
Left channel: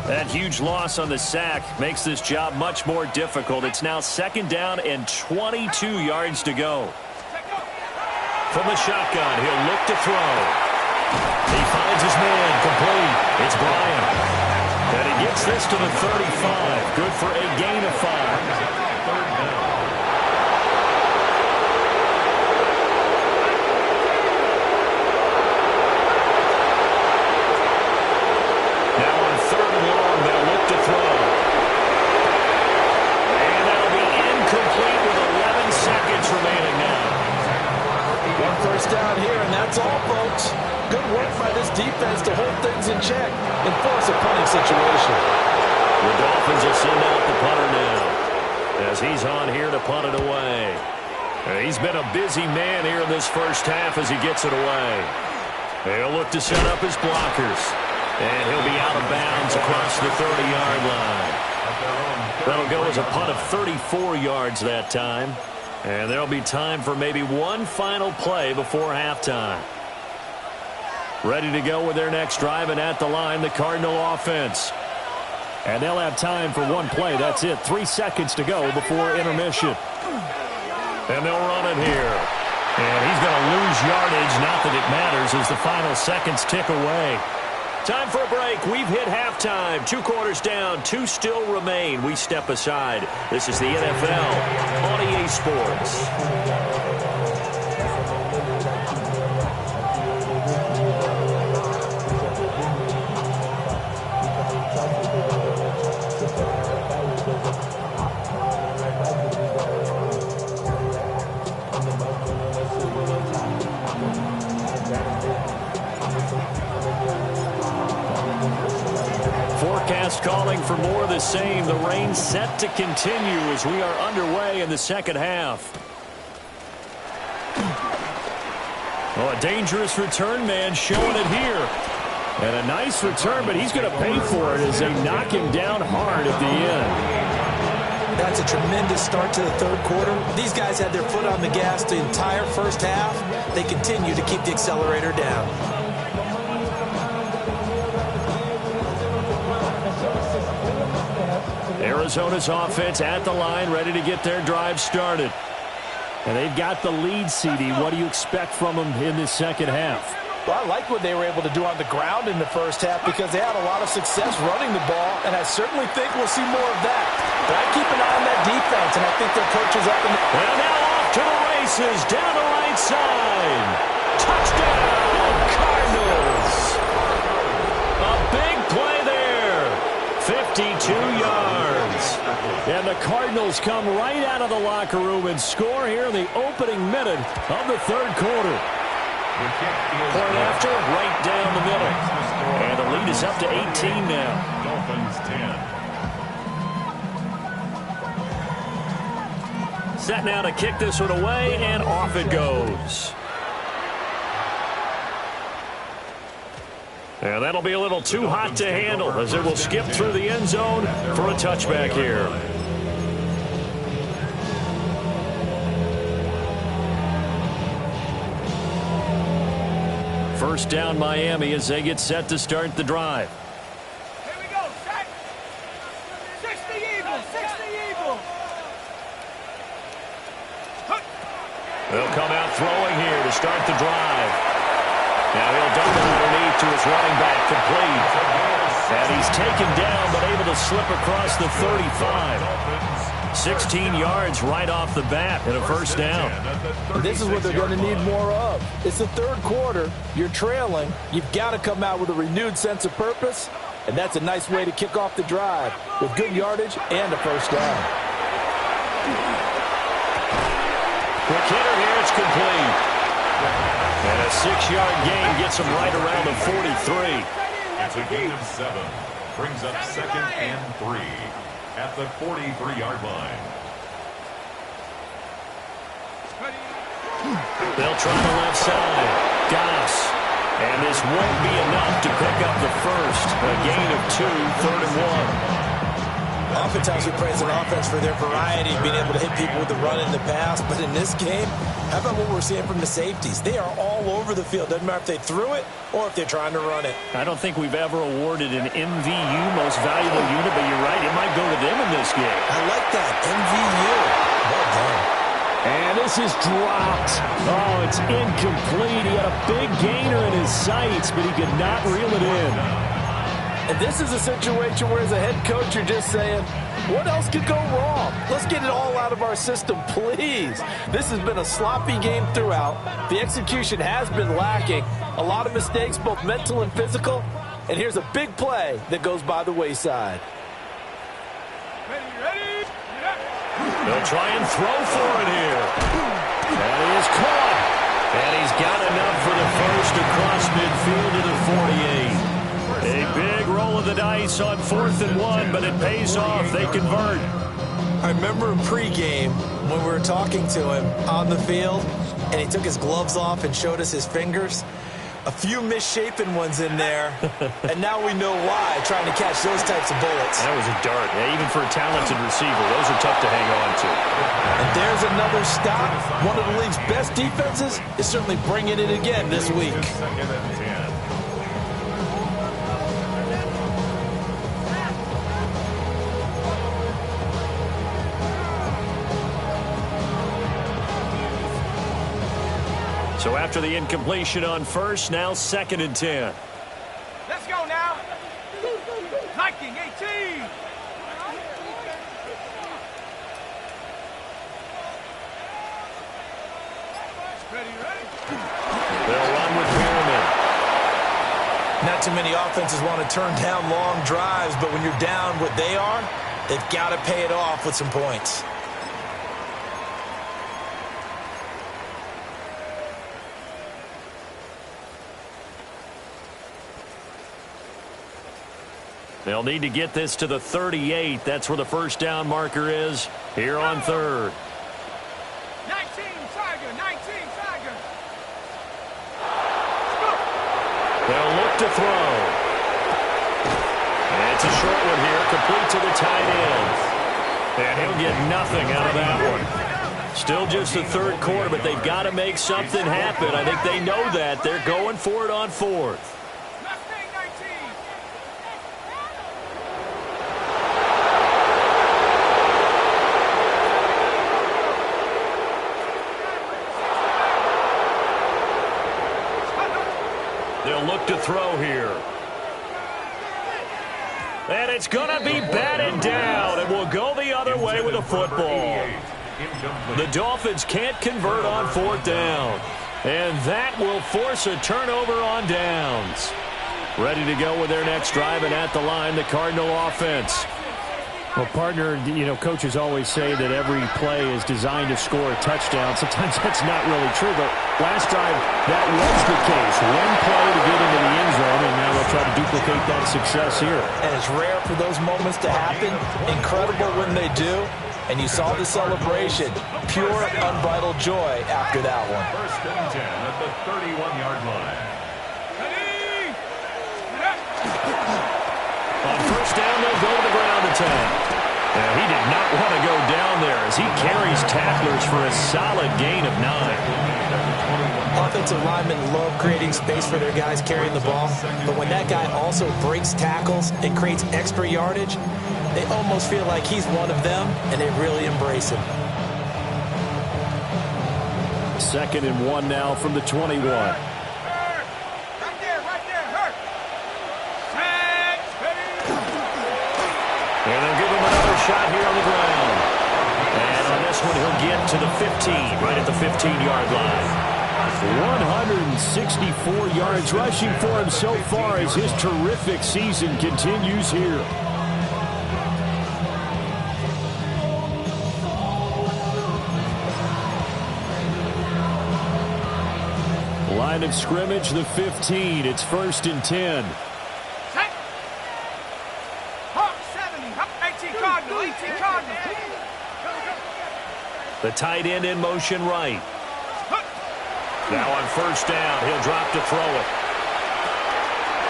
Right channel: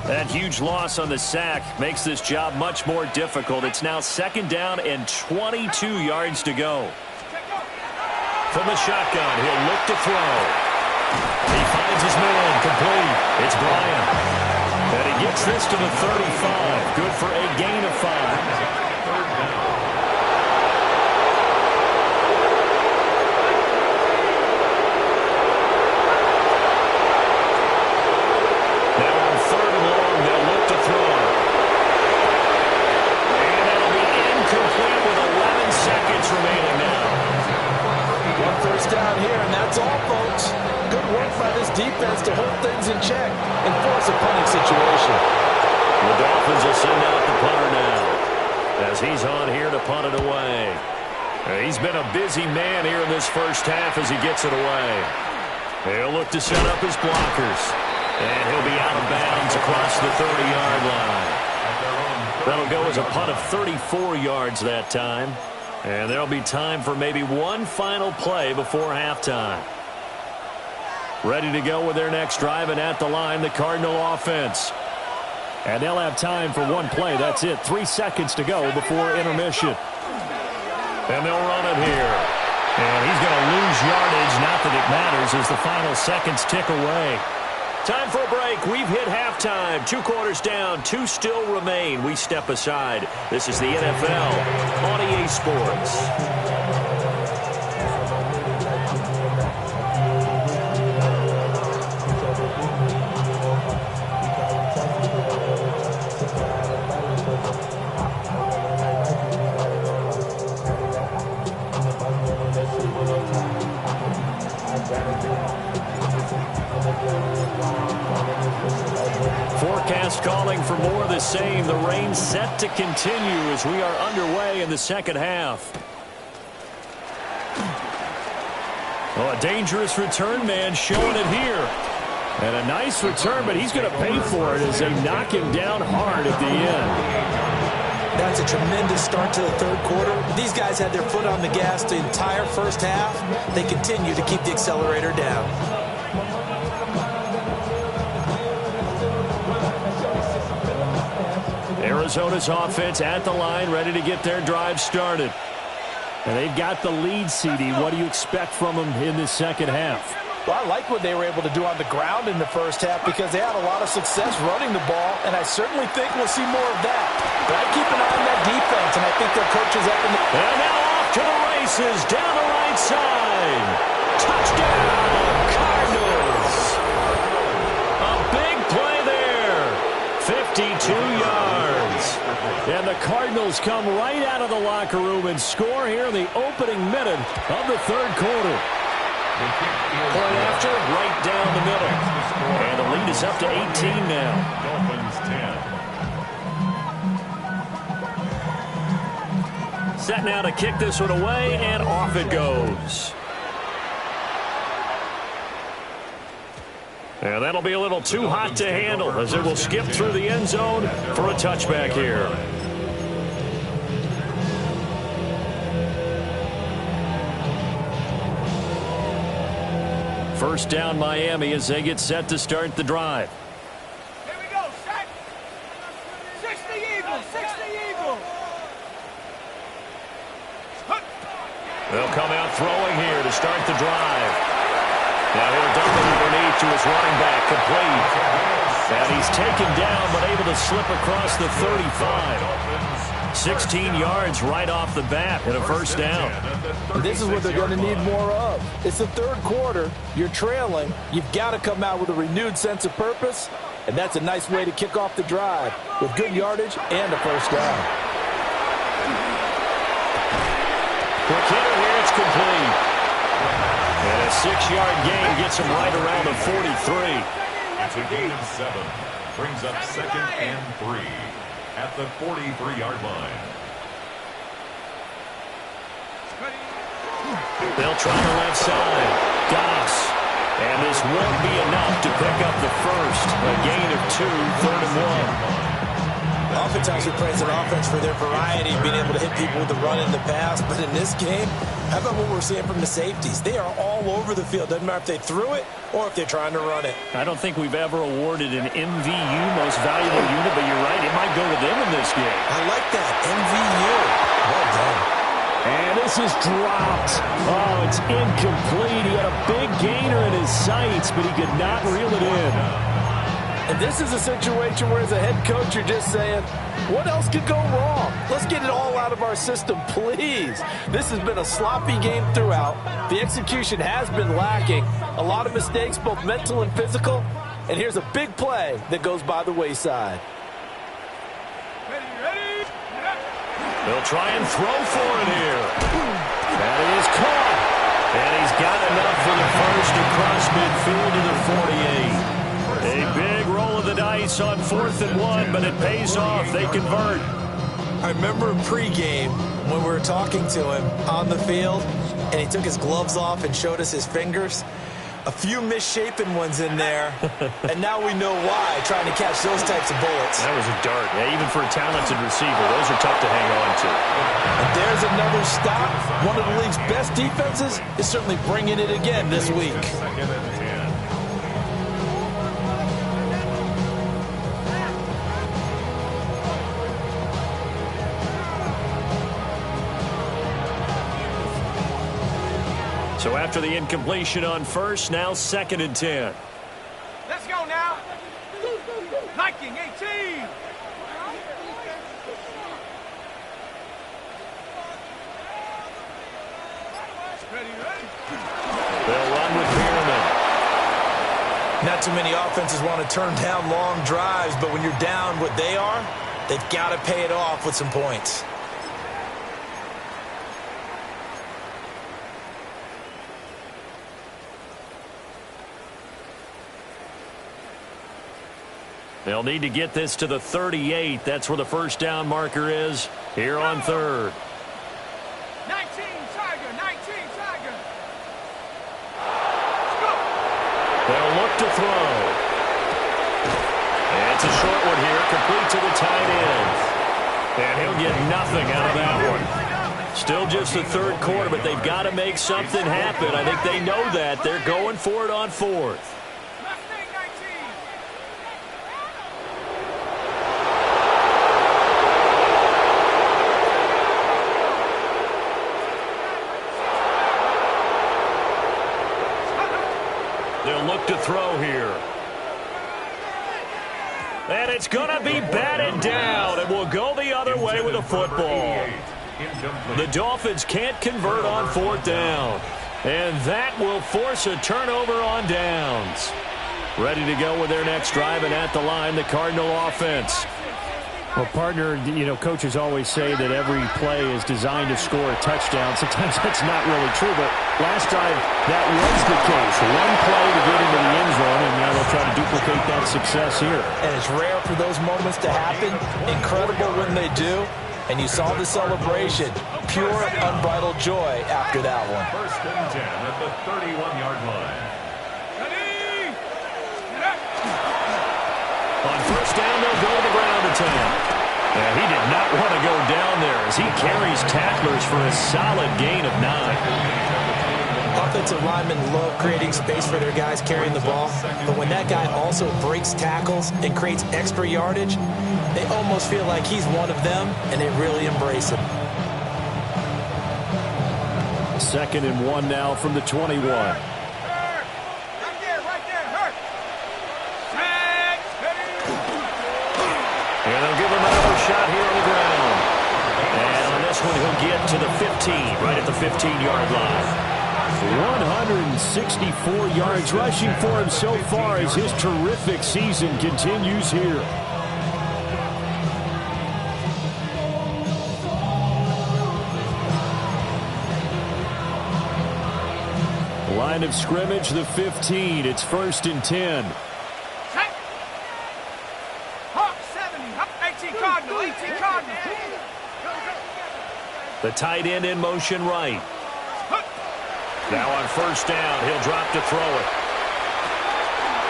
That huge loss on the sack makes this job much more difficult. It's now 2nd down and 22 yards to go. From the shotgun, he'll look to throw. He finds his man complete. It's Bryant. And he gets this to the 35. Good for a gain of 5. Now on 3rd and long, they'll look to throw. And that'll be incomplete with 11 seconds remaining now. 1 first down here, and that's all, folks. Good work by this defense to hold things in check and force a punting situation. The Dolphins will send out the punter now as he's on here to punt it away. He's been a busy man here in this first half as he gets it away. He'll look to set up his blockers. And he'll be out of bounds across the 30-yard line. That'll go as a punt of 34 yards that time. And there'll be time for maybe one final play before halftime. Ready to go with their next drive, and at the line, the Cardinal offense. And they'll have time for one play. That's it. 3 seconds to go before intermission. And they'll run it here. And he's going to lose yardage. Not that it matters as the final seconds tick away. Time for a break. We've hit halftime. 2 quarters down. 2 still remain. We step aside. This is the NFL on EA Sports. Forecast calling for more of the same. The rain set to continue as we are underway in the second half. Oh, a dangerous return man showing it here. And a nice return, but he's going to pay for it as they knock him down hard at the end. That's a tremendous start to the third quarter. These guys had their foot on the gas the entire first half. They continue to keep the accelerator down. Arizona's offense at the line, ready to get their drive started. And they've got the lead, CD. What do you expect from them in this second half? Well, I like what they were able to do on the ground in the first half because they had a lot of success running the ball, and I certainly think we'll see more of that. But I keep an eye on that defense, and I think their coach is up in the... And now off to the races, down the right side. Touchdown, Cardinals. A big play there. 52 yards. And the Cardinals come right out of the locker room and score here in the opening minute of the third quarter. Point after, right down the middle. And the lead is up to 18 now. Dolphins 10. Set now to kick this one away, and off it goes. And that'll be a little too hot to handle as it will skip through the end zone for a touchback here. First down Miami as they get set to start the drive. Here we go, set. 60 Eagles, 60 Eagles. They'll come out throwing here to start the drive. Now he'll dump it underneath to his running back, complete. And he's taken down but able to slip across the 35. 16 yards right off the bat and a first down. This is what they're going to need more of. It's the third quarter. You're trailing. You've got to come out with a renewed sense of purpose, and that's a nice way to kick off the drive with good yardage and a first down. Quick hitter here, it's complete. And a 6-yard gain gets him right around the 43. It's a gain of 7. Brings up 2nd and 3 at the 43-yard line. They'll try the left side. Goss. And this won't be enough to pick up the first. A gain of 2, 3rd and 1. Oftentimes we praise an offense for their variety, being able to hit people with the run in the pass. But in this game, how about what we're seeing from the safeties? They are all over the field. Doesn't matter if they threw it or if they're trying to run it. I don't think we've ever awarded an MVU, most valuable unit, but you're right, it might go to them in this game. I like that, MVU. Well done. And this is dropped. Oh, it's incomplete. He had a big gainer in his sights, but he could not reel it in. And this is a situation where, as a head coach, you're just saying, what else could go wrong? Let's get it all out of our system, please. This has been a sloppy game throughout. The execution has been lacking. A lot of mistakes, both mental and physical. And here's a big play that goes by the wayside. Ready? They'll try and throw for it here. That is caught. And he's got enough for the first across midfield to the 48. A big roll of the dice on 4th and 1, but it pays off. They convert. I remember in pregame when we were talking to him on the field, and he took his gloves off and showed us his fingers. A few misshapen ones in there, and now we know why, trying to catch those types of bullets. That was a dart. Yeah, even for a talented receiver, those are tough to hang on to. And there's another stop. One of the league's best defenses is certainly bringing it again this week. 2nd and 10. So after the incompletion on first, now 2nd and 10. Let's go now. Liking 18. Ready. They'll run with Pearman. Not too many offenses want to turn down long drives, but when you're down what they are, they've got to pay it off with some points. They'll need to get this to the 38. That's where the first down marker is here on third. 19, Tiger, 19, Tiger. They'll look to throw. And it's a short one here, complete to the tight end. And he'll get nothing out of that one. Still just the third quarter, but they've got to make something happen. I think they know that. They're going for it on fourth. Mustang 19. They'll look to throw here. And it's going to be batted down, and we'll go the other way with a football. The Dolphins can't convert on fourth down, and that will force a turnover on downs. Ready to go with their next drive, and at the line, the Cardinal offense. Well, partner, you know, coaches always say that every play is designed to score a touchdown. Sometimes that's not really true, but last drive, that was the case. One play to get into the end zone, and now they'll try to duplicate that success here. And it's rare for those moments to happen. Incredible when they do. And you saw the celebration. Pure, unbridled joy after that one. First and 10 at the 31-yard line. On first down, they'll go to the ground attack. And he did not want to go down there as he carries tacklers for a solid gain of 9. Offensive linemen love creating space for their guys carrying the ball. But when that guy also breaks tackles and creates extra yardage, they almost feel like he's one of them, and they really embrace him. 2nd and 1 now from the 21. And they'll give him another shot here on the ground. And on this one, he'll get to the 15, right at the 15-yard line. 164 yards rushing for him so far as his terrific season continues here. Line of scrimmage, the 15. It's 1st and 10. The tight end in motion right. Now on first down, he'll drop to throw it.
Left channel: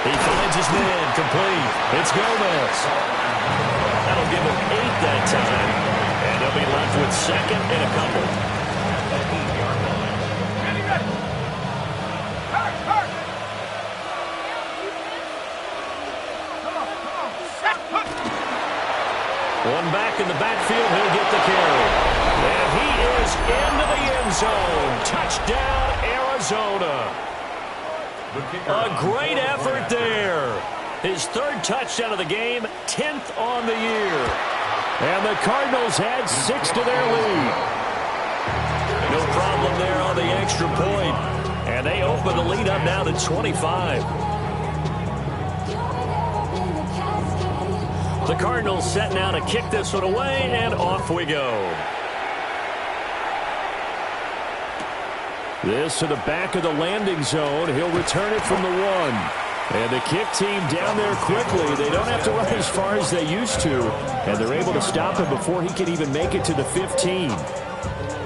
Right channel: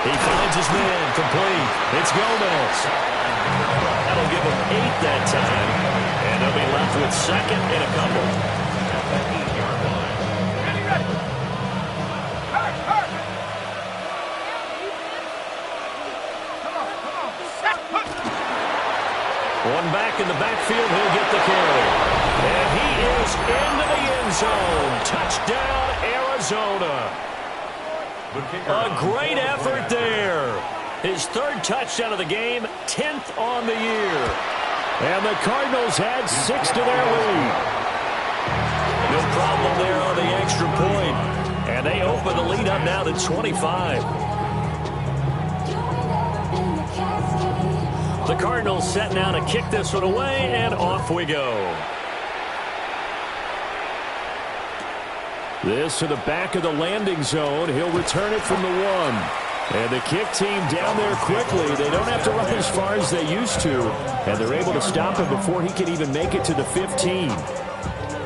He finds his man, complete. It's Gomez. That'll give him 8 that time. And they'll be left with 2nd and a couple. At the 8-yard line. One back in the backfield, he'll get the carry. And he is into the end zone. Touchdown, Arizona. A great effort there. His 3rd touchdown of the game, 10th on the year. And the Cardinals add 6 to their lead. No problem there on the extra point. And they open the lead up now to 25. The Cardinals set now to kick this one away, and off we go. This to the back of the landing zone. He'll return it from the 1. And the kick team down there quickly. They don't have to run as far as they used to. And they're able to stop him before he can even make it to the 15.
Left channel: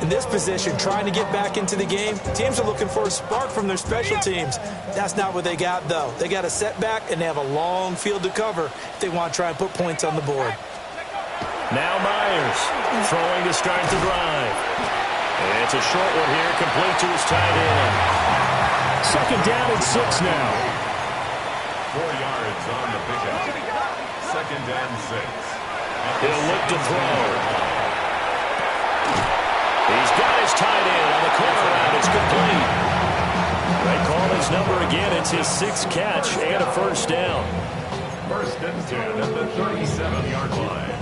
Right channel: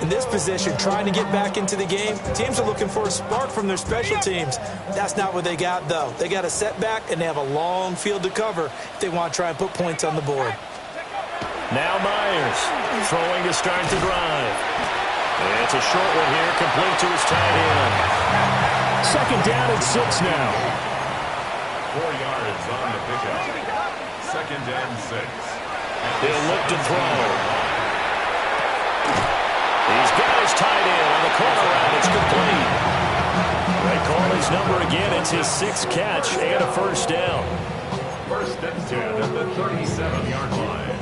In this position, trying to get back into the game, teams are looking for a spark from their special teams. That's not what they got, though. They got a setback, and they have a long field to cover if they want to try and put points on the board. Now Myers throwing to start the drive. It's a short one here, complete to his tight end. 2nd down and 6 now. 4 yards on the pickup. 2nd and 6. He'll look to throw. He's got his tight end on the corner route. It's complete. They call his number again. It's his 6th catch and a first down. 1st and 10 at the 37-yard line.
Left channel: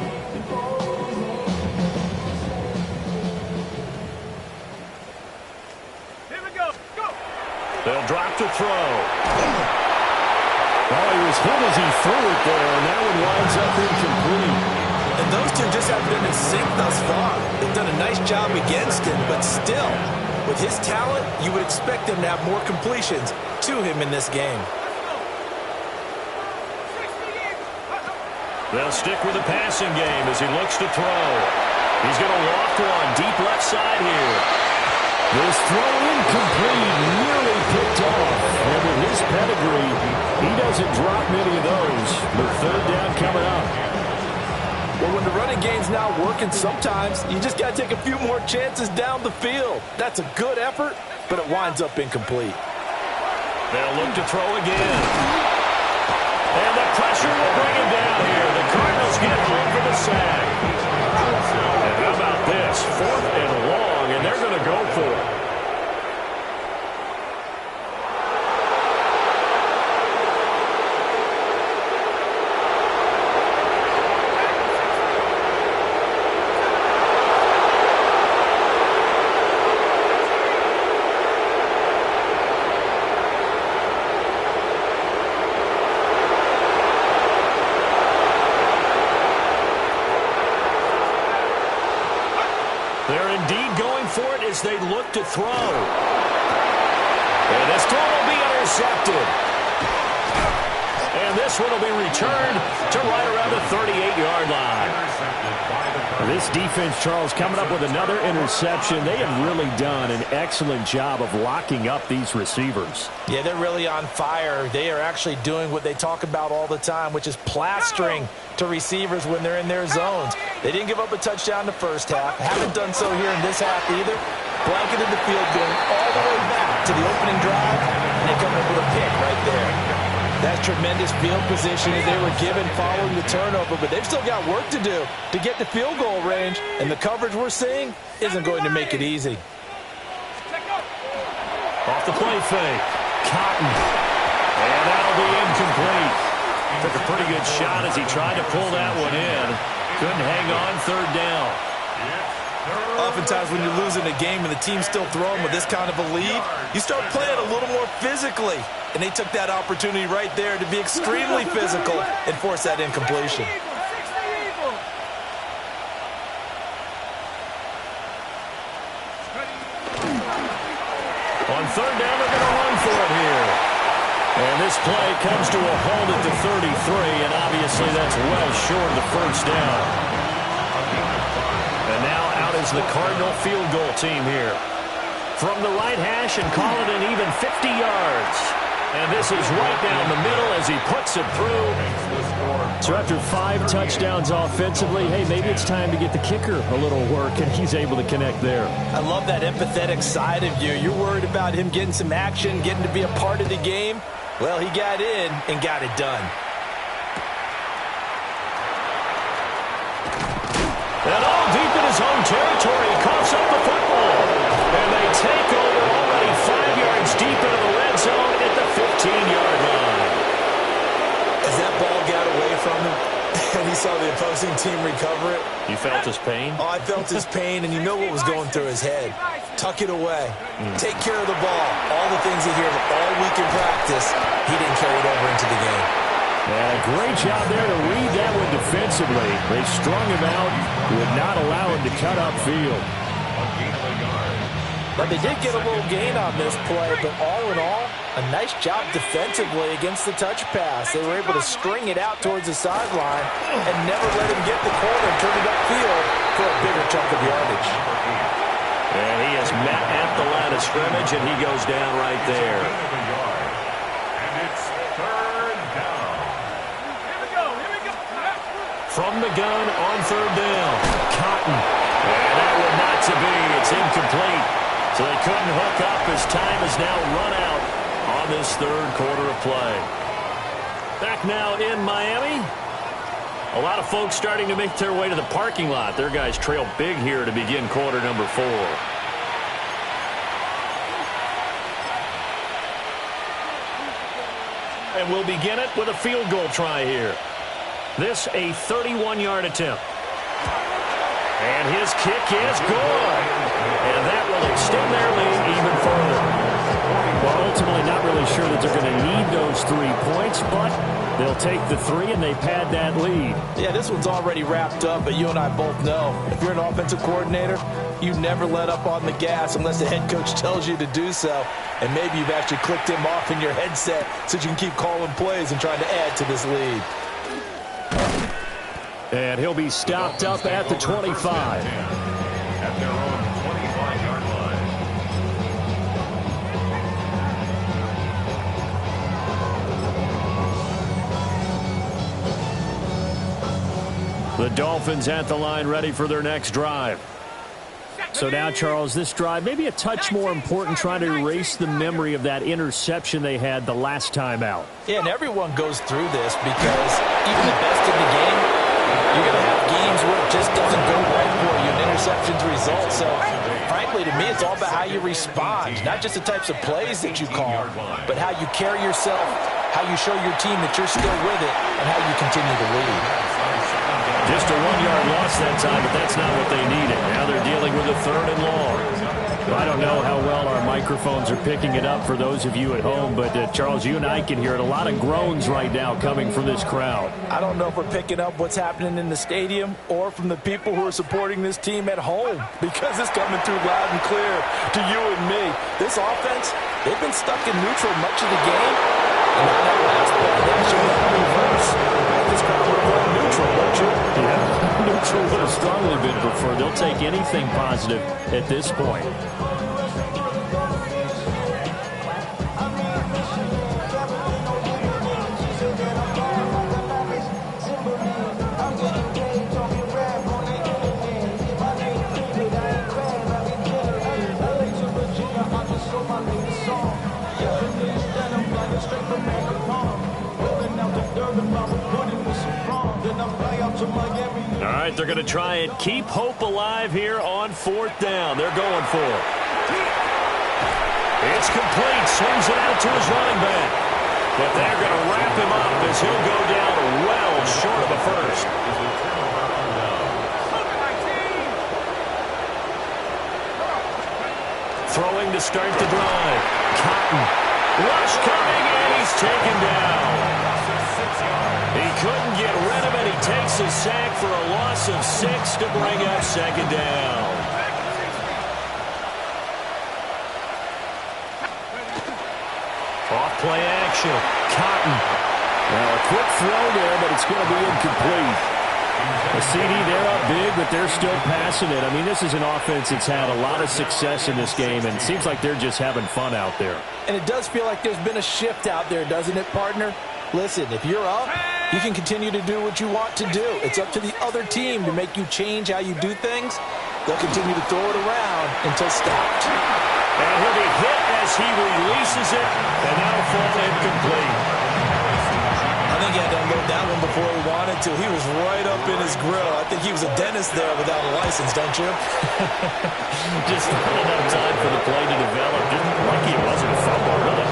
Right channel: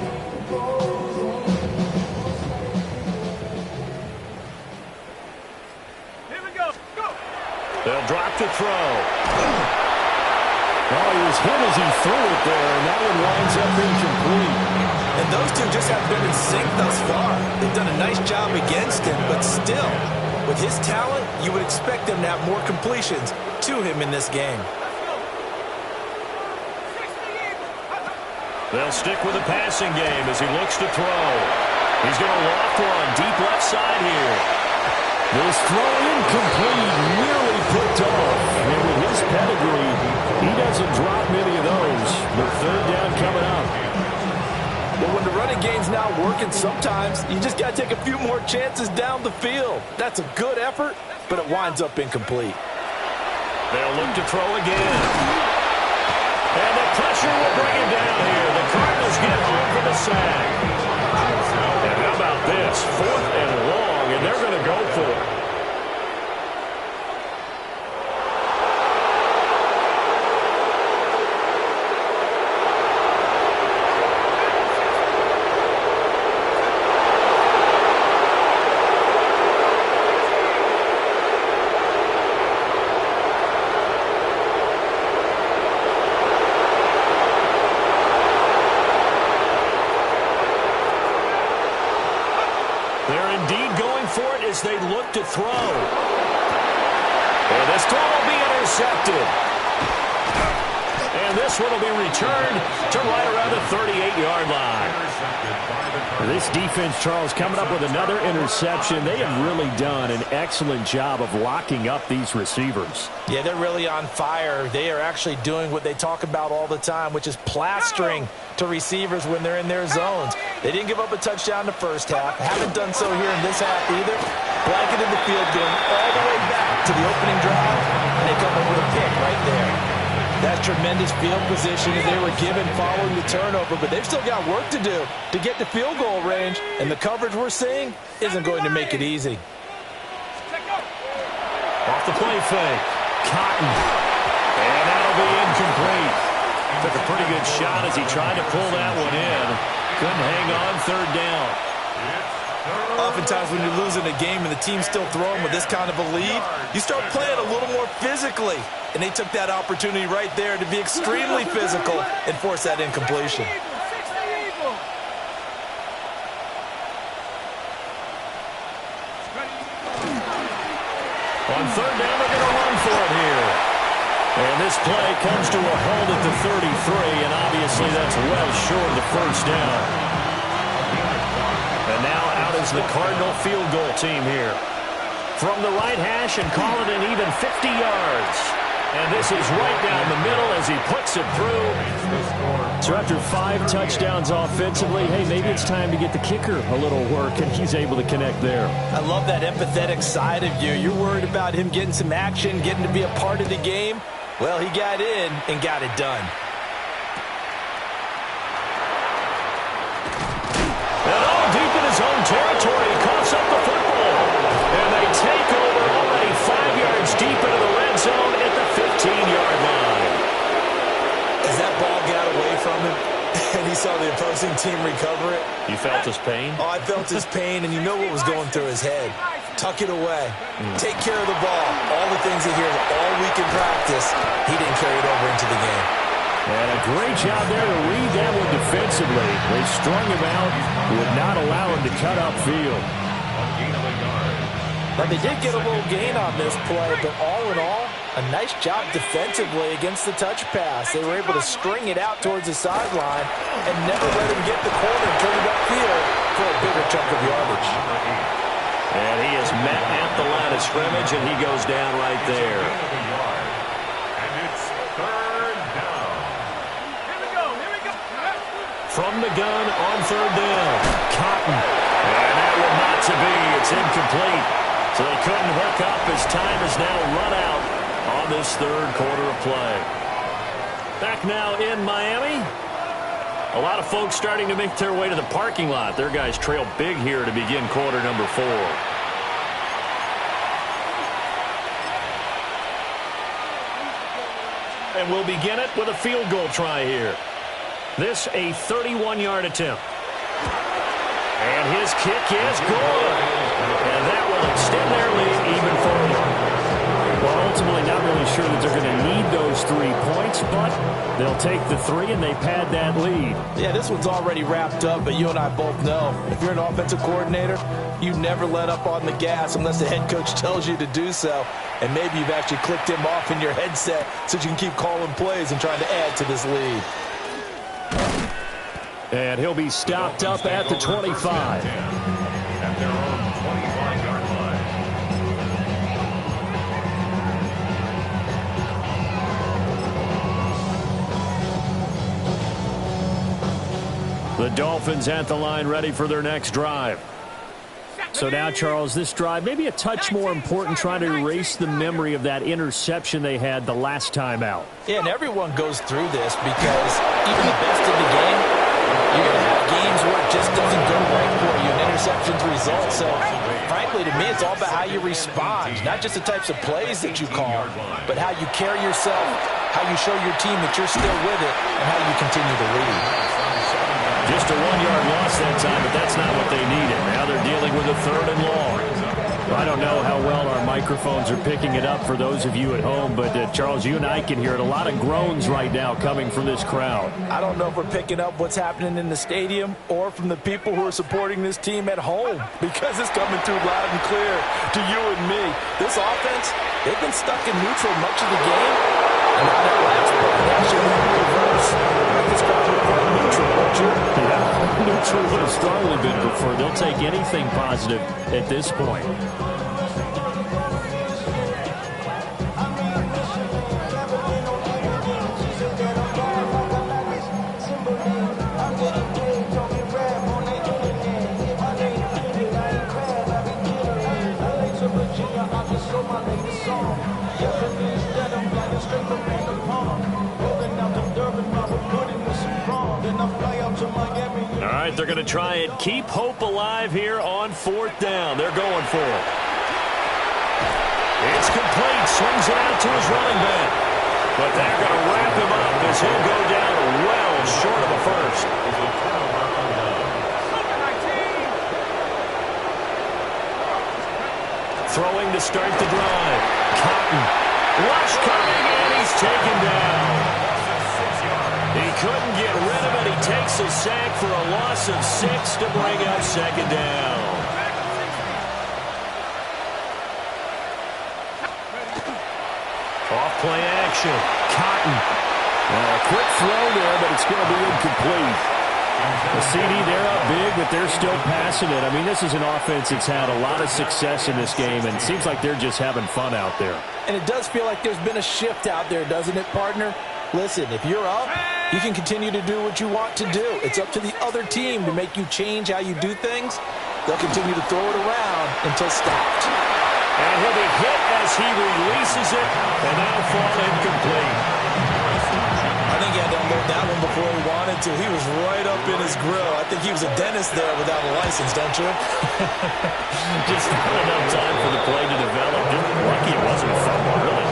They'll drop to throw. Oh, he was hit as he threw it there, and that one winds up incomplete. And those two just haven't been in sync thus far. They've done a nice job against him, but still, with his talent, you would expect them to have more completions to him in this game. They'll stick with the passing game as he looks to throw. He's going to loft one deep left side here. This throw incomplete, nearly picked off. And with his pedigree, he doesn't drop many of those. But third down coming up. Well, when the running game's not working, sometimes you just got to take a few more chances down the field. That's a good effort, but it winds up incomplete. They'll look to throw again. And the pressure will bring him down here. The Cardinals get home for the sack. And how about this? 4th and long, and they're going to go for it. They're indeed going for it as they look to throw. And this throw will be intercepted. And this one will be returned to right around the 38-yard line. This defense, Charles, coming up with another interception. They have really done an excellent job of locking up these receivers. Yeah, they're really on fire. They are actually doing what they talk about all the time, which is plastering to receivers when they're in their zones. They didn't give up a touchdown in the first half. Haven't done so here in this half either. Blanketed the field going all the way back to the opening drive, and they come up with a pick right there. That's tremendous field position that they were given following the turnover, but they've still got work to do to get to field goal range, and the coverage we're seeing isn't going to make it easy. Off the play fake. Cotton. And that'll be incomplete. Took a pretty good shot as he tried to pull that one in. Couldn't hang on third down. Oftentimes when you're losing a game and the team's still throwing with this kind of a lead, you start playing a little more physically. And they took that opportunity right there to be extremely physical and force that incompletion. On third down, they're going to run for it here. And this play comes to a halt at the 33, and obviously that's well short of the first down. And now out is the Cardinal field goal team here. From the right hash and call it an even 50 yards. And this is right down the middle as he puts it through. So after 5 touchdowns offensively, hey, maybe it's time to get the kicker a little work, and he's able to connect there. I love that empathetic side of you. You're worried about him getting some action, getting to be a part of the game. Well, he got in and got it done. And all deep in his own territory, he coughs up the football. And they take over already 5 yards deep into the red zone at the 15-yard line. As that ball got away from him and he saw the opposing team recover it. You felt his pain? Oh, I felt his pain, and you know what was going through his head. Tuck it away. Take care of the ball. All the things he hears all week in practice, he didn't carry it over into the game. And a great job there to read that one defensively. They strung him out, would not allow him to cut upfield. But they did get a little gain on this play, but all in all, a nice job defensively against the touch pass. They were able to string it out towards the sideline and never let him get the corner and turn it upfield for a bigger chunk of yardage. And he is met at the line of scrimmage, and he goes down right there. And it's third down. Here we go. From the gun on third down. Cotton. And that one not to be. It's incomplete. So they couldn't hook up as time is now run out on this third quarter of play. Back now in Miami. A lot of folks starting to make their way to the parking lot. Their guys trail big here to begin quarter number 4. And we'll begin it with a field goal try here. This a 31-yard attempt. And his kick is good. And that will extend their lead even further. Well, ultimately not really sure that they're going to need those 3 points, but they'll take the 3 and they pad that lead. Yeah, this one's already wrapped up, but you and I both know if you're an offensive coordinator, you never let up on the gas unless the head coach tells you to do so. And maybe you've actually clicked him off in your headset so you can keep calling plays and trying to add to this lead. And he'll be stopped up at the 25. At their own 25-yard line. The Dolphins at the line, ready for their next drive. So now, Charles, this drive maybe a touch more important, trying to erase the memory of that interception they had the last time out. Yeah, and everyone goes through this because even the best in the game, you're going to have games where it just doesn't go right for you, and interceptions result. So, frankly, to me, it's all about how you respond, not just the types of plays that you call, but how you carry yourself, how you show your team that you're still with it, and how you continue to lead. Just a 1-yard loss that time, but that's not what they needed. Now they're dealing with a 3rd and long. I don't know how well our microphones are picking it up for those of you at home, but Charles, you and I can hear it. A lot of groans right now coming from this crowd. I don't know if we're picking up what's happening in the stadium or from the people who are supporting this team at home, because it's coming through loud and clear to you and me. This offense, they've been stuck in neutral much of the game. And on that last play, they actually went in reverse. This crowd would have went neutral, don't you? Yeah, neutral would have strongly been preferred. They'll take anything positive at this point. All right, they're going to try and keep hope alive here on 4th down. They're going for it. It's complete. Swings it out to his running back. But they're going to wrap him up as he'll go down well short of a first. Throwing to start the drive. Cotton. Rush coming, and he's taken down. He couldn't get rid of it. He takes a sack for a loss of 6 to bring up 2nd down. Off play action. Cotton. Now a quick throw there, but it's going to be incomplete. A CD, they're up big, but they're still passing it. I mean, this is an offense that's had a lot of success in this game, and it seems like they're just having fun out there. And it does feel like there's been a shift out there, doesn't it, partner? Listen, if you're up, you can continue to do what you want to do. It's up to the other team to make you change how you do things. They'll continue to throw it around until stopped. And he'll be hit as he releases it, and that'll fall incomplete. I think he had to unload that one before he wanted to. He was right up in his grill. I think he was a dentist there without a license, don't you? Just not enough time for the play to develop. Just lucky it wasn't a fumble, really.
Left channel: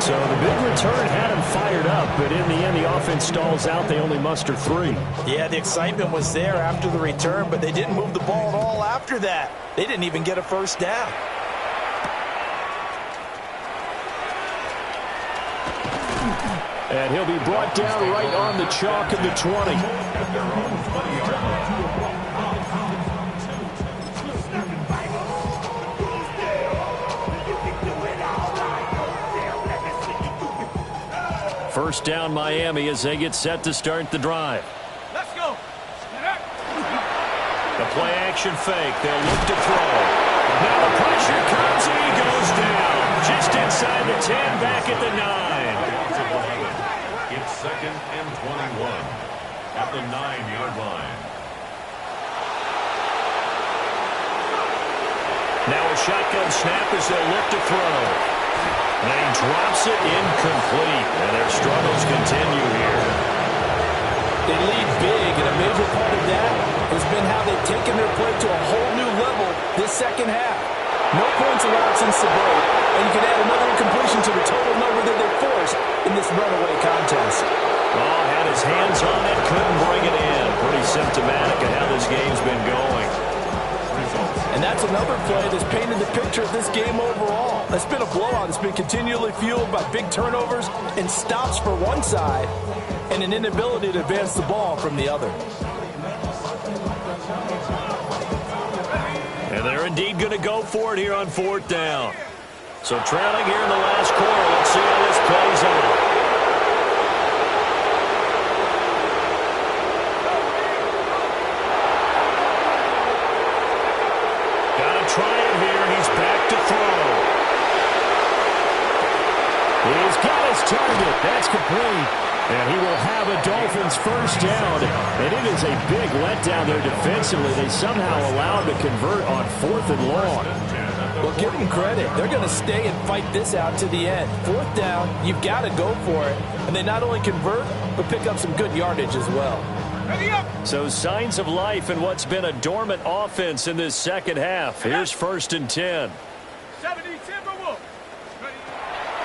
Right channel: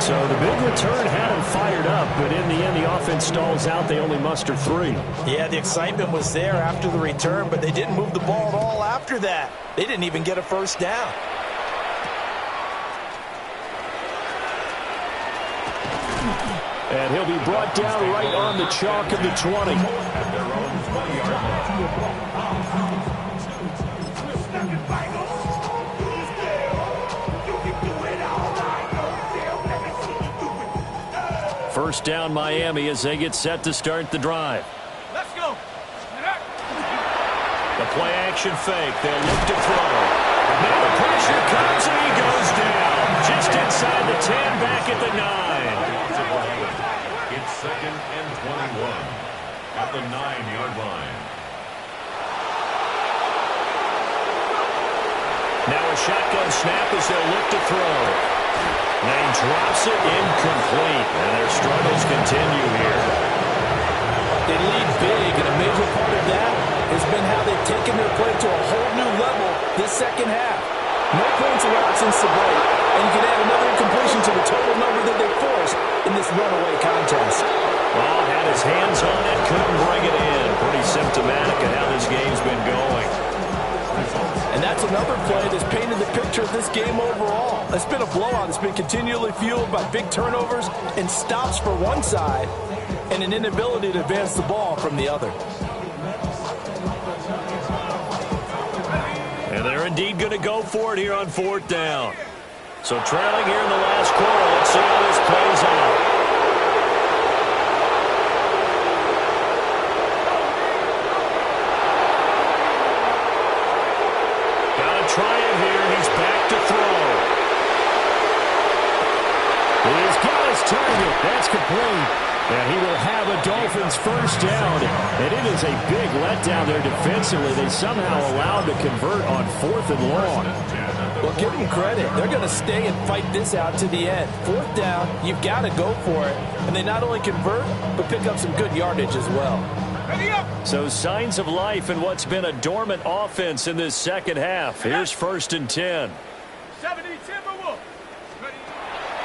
So the big return had him fired up, but in the end, the offense stalls out. They only muster 3. Yeah, the excitement was there after the return, but they didn't move the ball at all after that. They didn't even get a first down. And he'll be brought down right on the chalk of the 20. At their own 20-yard line. First down, Miami, as they get set to start the drive. Let's go. The play action fake. They'll look to throw. Now the pressure comes and he goes down. Just inside the 10, back at the 9. It's 2nd and 21 at the 9-yard line. Now a shotgun snap as they'll look to throw. And he drops it incomplete. And their struggles continue here. They lead big, and a major part of that has been how they've taken their play to a whole new level this second half. No points allowed since the break, and you can add another incompletion to the total number that they forced in this runaway contest. Oh, had his hands on it, couldn't bring it in. Pretty symptomatic of how this game's been going. And that's another play that's painted the picture of this game overall. It's been a blowout. It's been continually fueled by big turnovers and stops for one side and an inability to advance the ball from the other. And they're indeed going to go for it here on 4th down. So trailing here in the last quarter. Let's see how this plays out. got his target. That's complete. And he will have a Dolphins first down. And it is a big letdown there defensively. They somehow allowed to convert on 4th and long. Well, give them credit. They're going to stay and fight this out to the end. 4th down, you've got to go for it. And they not only convert, but pick up some good yardage as well. So signs of life in what's been a dormant offense in this second half. Here's 1st and 10. 70 Timberwolves.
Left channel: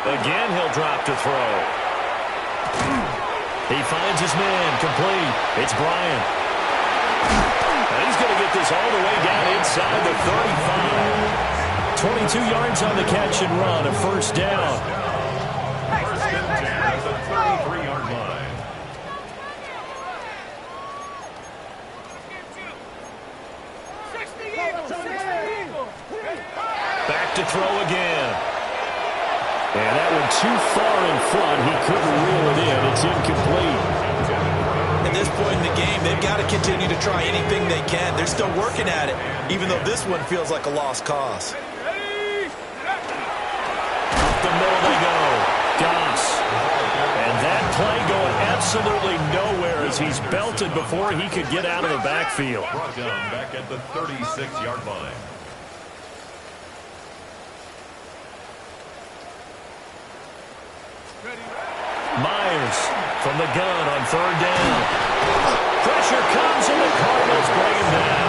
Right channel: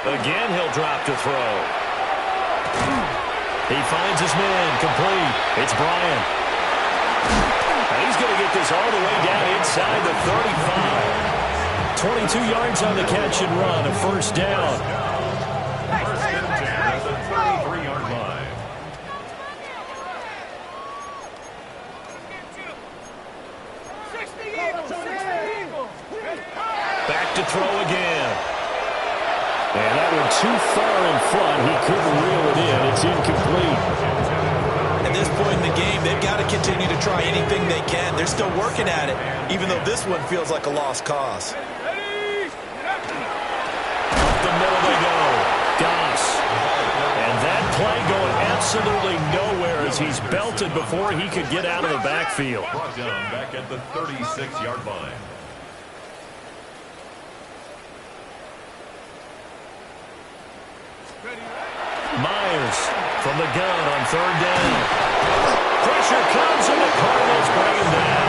Again, he'll drop to throw. He finds his man, complete. It's Bryant. And he's going to get this all the way down inside the 35. 22 yards on the catch and run, a first down. First and 10 at the 33-yard line. Back to throw again. And that one too far in front. He couldn't reel it in. It's incomplete. At this point in the game, they've got to continue to try anything they can. They're still working at it, even though this one feels like a lost cause. Up the middle they go. Goss. And that play going absolutely nowhere as he's belted before he could get out of the backfield. Brought down back at the 36-yard line. Myers from the gun on 3rd down. Pressure comes and the Cardinals bring him down.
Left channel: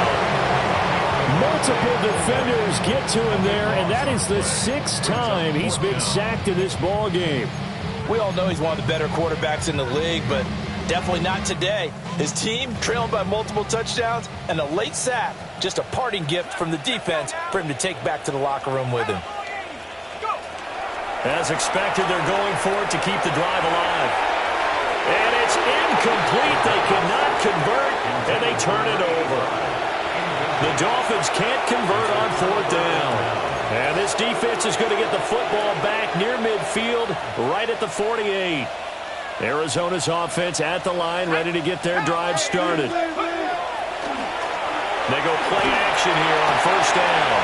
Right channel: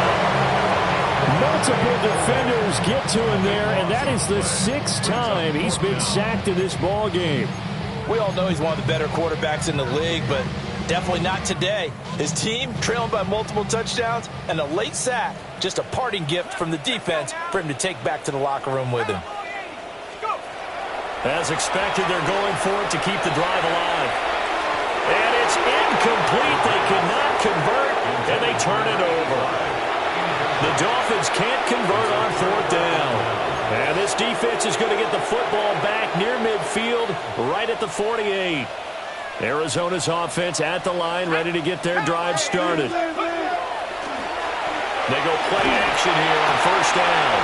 Multiple defenders get to him there, and that is the 6th time he's been sacked in this ball game. We all know he's one of the better quarterbacks in the league, but definitely not today. His team trailing by multiple touchdowns and a late sack, just a parting gift from the defense for him to take back to the locker room with him. As expected, they're going for it to keep the drive alive. And it's incomplete. They cannot convert, and they turn it over. The Dolphins can't convert on 4th down. And this defense is going to get the football back near midfield, right at the 48. Arizona's offense at the line, ready to get their drive started. They go play action here on 1st down.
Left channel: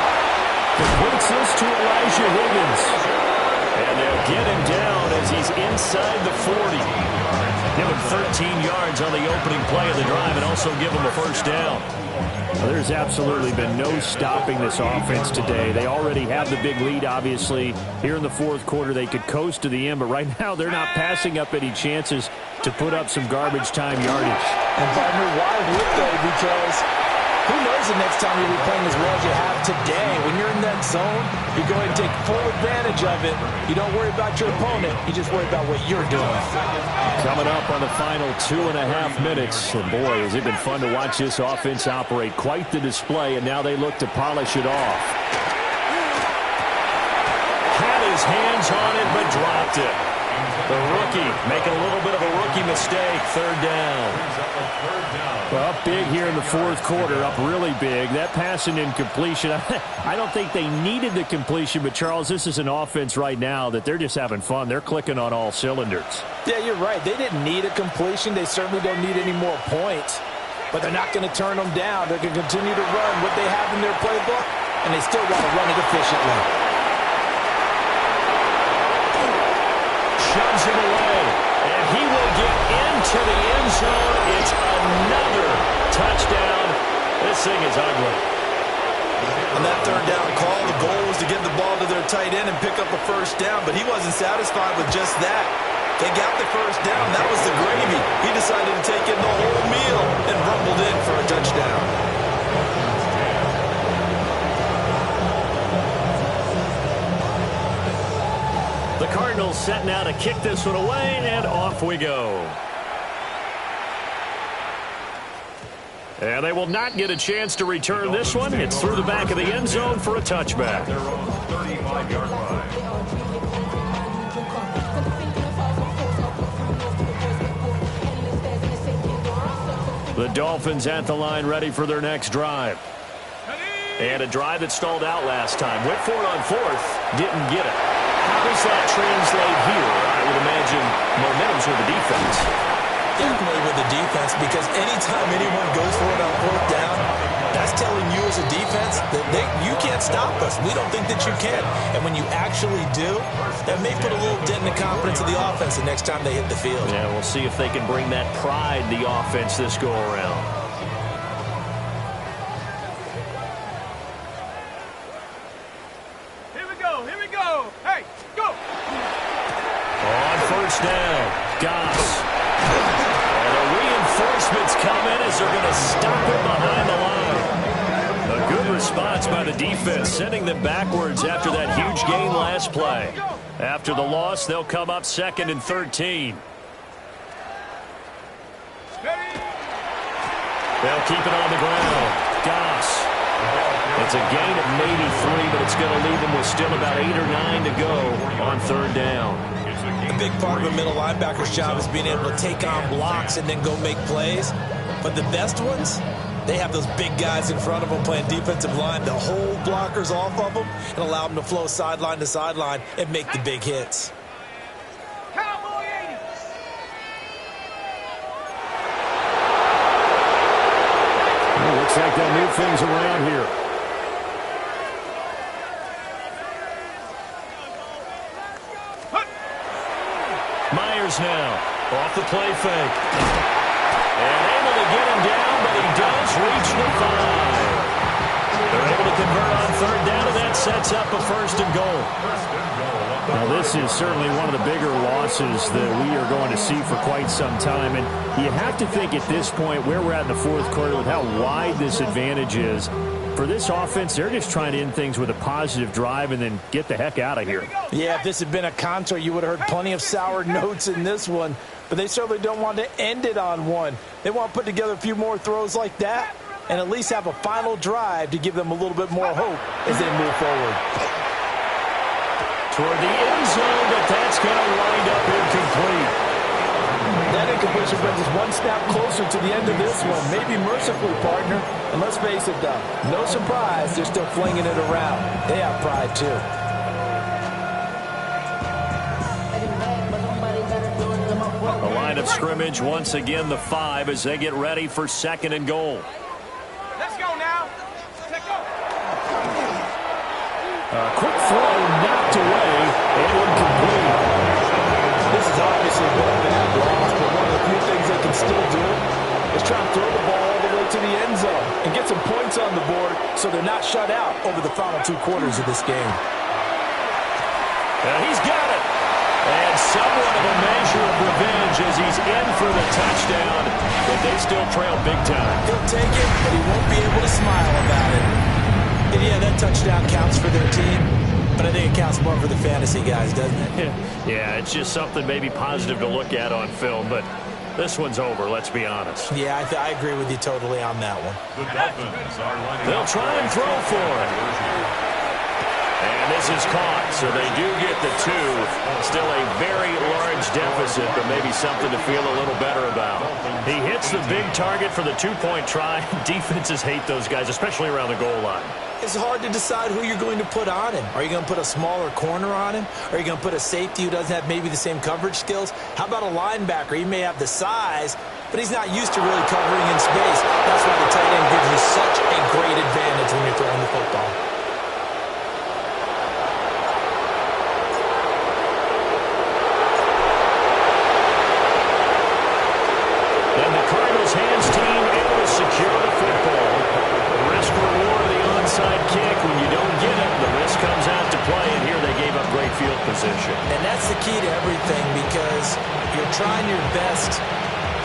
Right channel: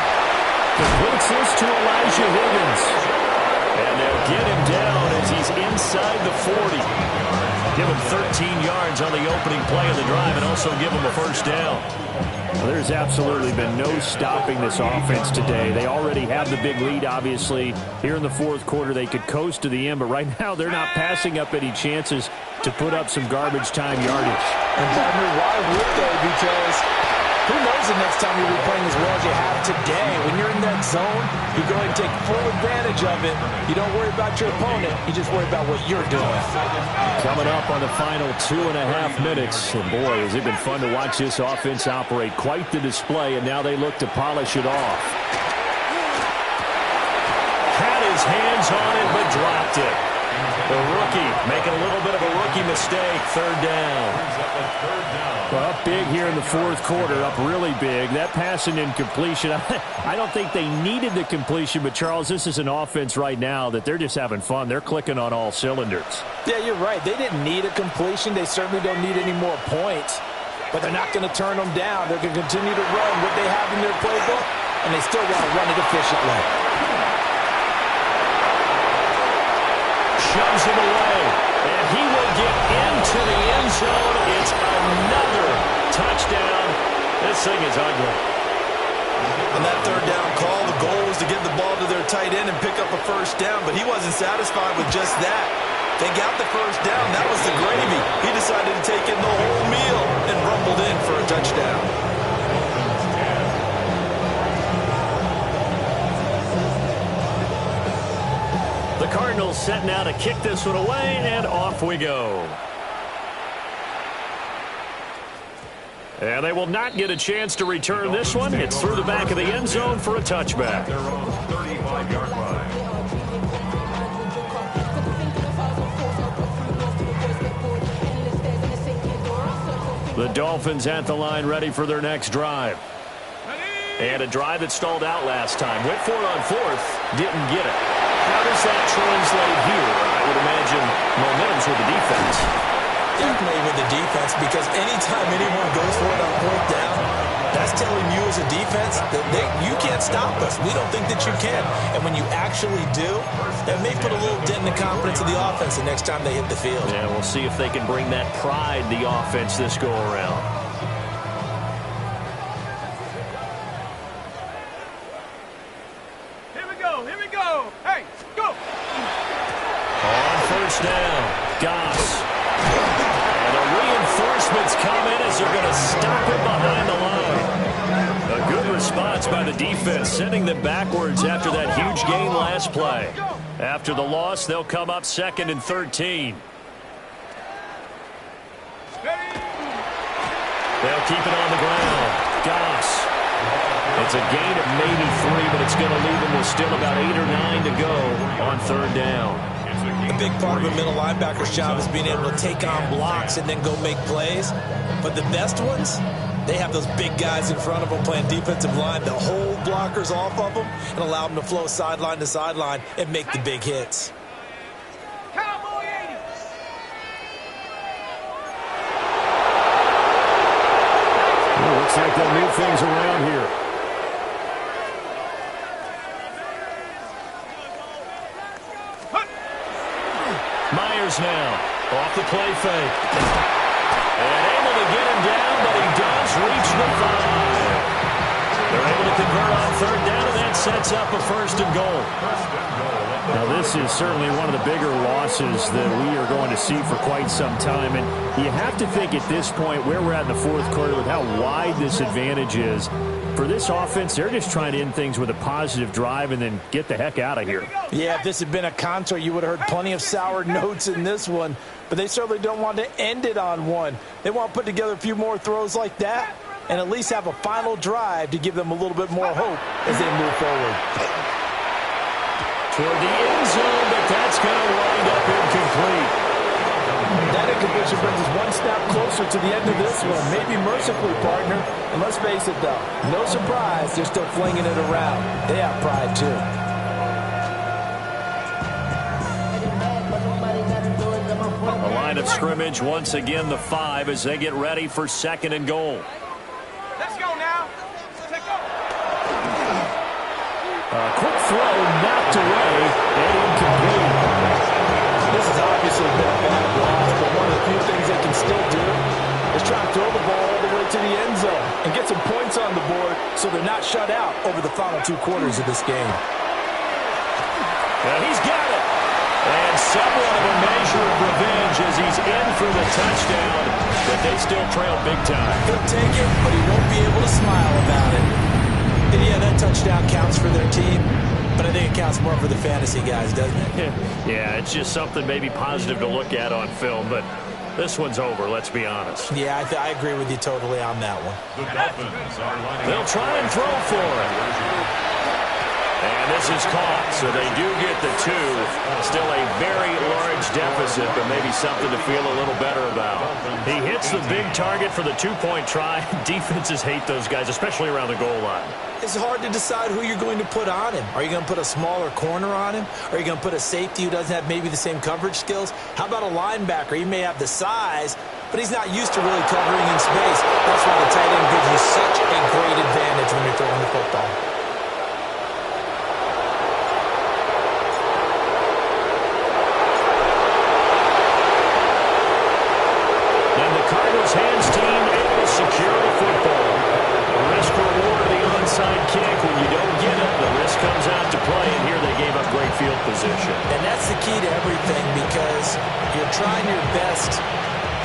Completes this to Elijah Higgins. And they'll get him down as he's inside the 40. Give him 13 yards on the opening play of the drive and also give him a first down. Well, there's absolutely been no stopping this offense today. They already have the big lead, obviously. Here in the 4th quarter, they could coast to the end, but right now they're not passing up any chances to put up some garbage time yardage. And, partner, why would they? Because who knows the next time you'll be playing as well as you have today. When you're in that zone, you go ahead and take full advantage of it. You don't worry about your opponent. You just worry about what you're doing. Coming up on the final 2.5 minutes. And, boy, has it been fun to watch this offense operate. Quite the display, and now they look to polish it off. Had his hands on it, but dropped it. The rookie making a little bit of a rookie mistake. 3rd down. Well, up big here in the 4th quarter, up really big. That pass and incompletion, I don't think they needed the completion, but, Charles, this is an offense right now that they're just having fun. They're clicking on all cylinders. Yeah, you're right. They didn't need a completion. They certainly don't need any more points, but they're not going to turn them down. They're going to continue to run what they have in their playbook, and they still want to run it efficiently. Shoves him away, and he will get into the end zone. It's another touchdown. This thing is ugly. On that 3rd down call, the goal was to get the ball to their tight end and pick up a first down, but he wasn't satisfied with just that. They got the first down. That was the gravy. He decided to take in the whole meal and rumbled in for a touchdown. The Cardinals set now to kick this one away, and off we go. And they will not get a chance to return this one. It's through the back of the end zone for a touchback. Their own 35-yard line. The Dolphins at the line, ready for their next drive. And a drive that stalled out last time. Went for it on 4th, didn't get it. How does that translate here? I would imagine momentum's with the defense. Definitely with the defense, because anytime anyone goes for it on 4th down, That's telling you as a defense that you can't stop us. We don't think that you can. And when you actually do, that may put a little dent in the confidence of the offense the next time they hit the field. Yeah, we'll see if they can bring that pride to the offense this go-around. Here we go. Here we go. Hey, go. On first down, Goss. And the reinforcements come in as they're going to stop it behind the line. A good response by the defense, sending them backwards after that huge gain last play. After the loss, they'll come up 2nd and 13. They'll keep it on the ground. Goss. It's a gain of maybe 3, but it's going to leave them with still about 8 or 9 to go on 3rd down. A big part of a middle linebacker's job is being able to take on blocks and then go make plays. But the best ones, they have those big guys in front of them playing defensive line to hold blockers off of them and allow them to flow sideline to sideline and make the big hits. Cowboy 80. Well, looks like they'll move things around here. Myers now off the play fake. And able to get him down, but he does reach the 5. They're able to convert on 3rd down, and that sets up a 1st and goal. Now, this is certainly one of the bigger losses that we are going to see for quite some time. And you have to think at this point where we're at in the 4th quarter with how wide this advantage is. For this offense, they're just trying to end things with a positive drive and then get the heck out of here. Yeah, if this had been a concert, you would have heard plenty of sour notes in this one. But they certainly don't want to end it on one. They want to put together a few more throws like that and at least have a final drive to give them a little bit more hope as they move forward. Toward the end zone, but that's going to wind up incomplete. That incompletion brings us one snap closer to the end of this one. Maybe mercifully, partner. And let's face it, though, no surprise, they're still flinging it around. They have pride, too. A line of scrimmage, once again, the 5 as they get ready for 2nd and goal. Let's go now. Take off. A quick throw knocked away and incomplete. This has obviously been a bad loss, but one of the few things they can still do is try and throw the ball all the way to the end zone and get some points on the board so they're not shut out over the final 2 quarters of this game. He's got it. And somewhat of a measure of revenge as he's in for the touchdown, but they still trail big time. He'll take it, but he won't be able to smile about it. And yeah, that touchdown counts for their team, but I think it counts more for the fantasy guys, doesn't it? Yeah, it's just something maybe positive to look at on film, but this one's over, let's be honest. Yeah, I agree with you totally on that one. The Dolphins are lining They'll up try and throw for it. And this is caught, so they do get the 2. Still a very large deficit, but maybe something to feel a little better about. He hits the big target for the 2-point try. Defenses hate those guys, especially around the goal line. It's hard to decide who you're going to put on him. Are you going to put a smaller corner on him? Are you going to put a safety who doesn't have maybe the same coverage skills? How about a linebacker? He may have the size, but he's not used to really covering in space. That's why the tight end gives you such a great advantage when you're throwing the football. Cardinals hands team able to secure the football. Risk reward of the onside kick. When you don't get it, the risk comes out to play, and here they gave up great field position. And that's the key to everything because you're trying your best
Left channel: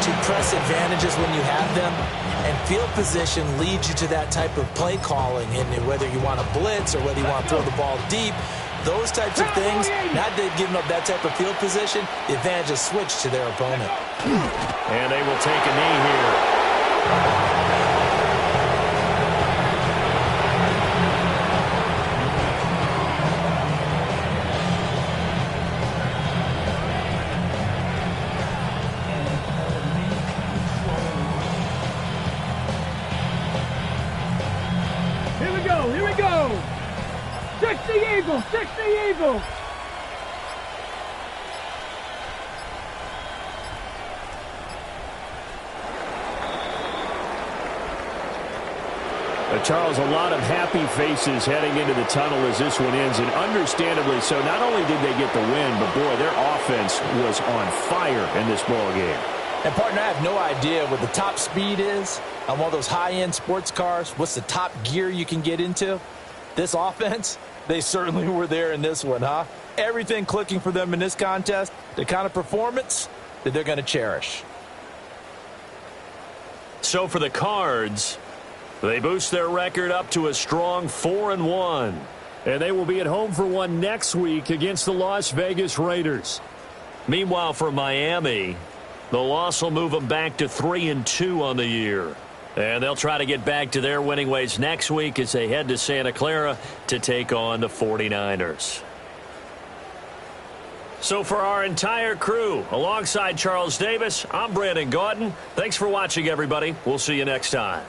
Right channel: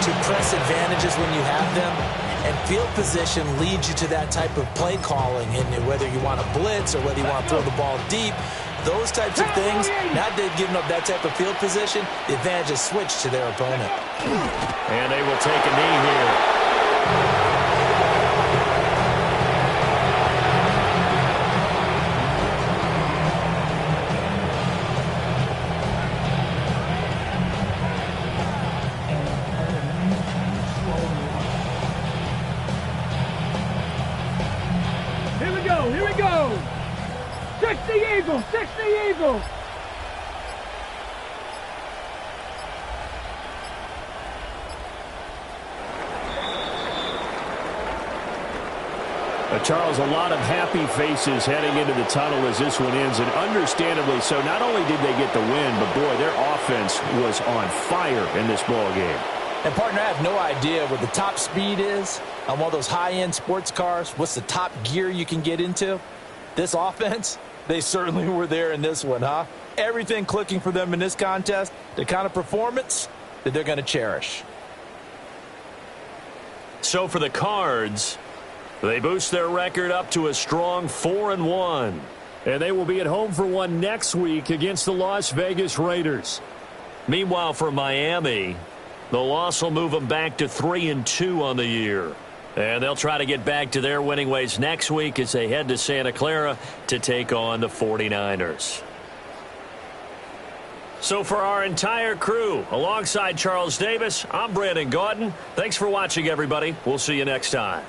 to press advantages when you have them, and field position leads you to that type of play calling, and whether you want to blitz or whether you want to throw the ball deep, those types of things, now that they've given up that type of field position, the advantage is switched to their opponent. And they will take a knee here. Here we go. Here we go. 60 Eagles. 60 Eagles. Charles, a lot of happy faces heading into the tunnel as this one ends, and understandably so. Not only did they get the win, but, boy, their offense was on fire in this ball game. And, partner, I have no idea what the top speed is on one of those high-end sports cars. What's the top gear you can get into? This offense, they certainly were there in this one, huh? Everything clicking for them in this contest, the kind of performance that they're going to cherish. So for the Cards, they boost their record up to a strong 4-1. And they will be at home for one next week against the Las Vegas Raiders. Meanwhile, for Miami, the loss will move them back to 3-2 on the year. And they'll try to get back to their winning ways next week as they head to Santa Clara to take on the 49ers. So for our entire crew, alongside Charles Davis, I'm Brandon Gaudin. Thanks for watching, everybody. We'll see you next time.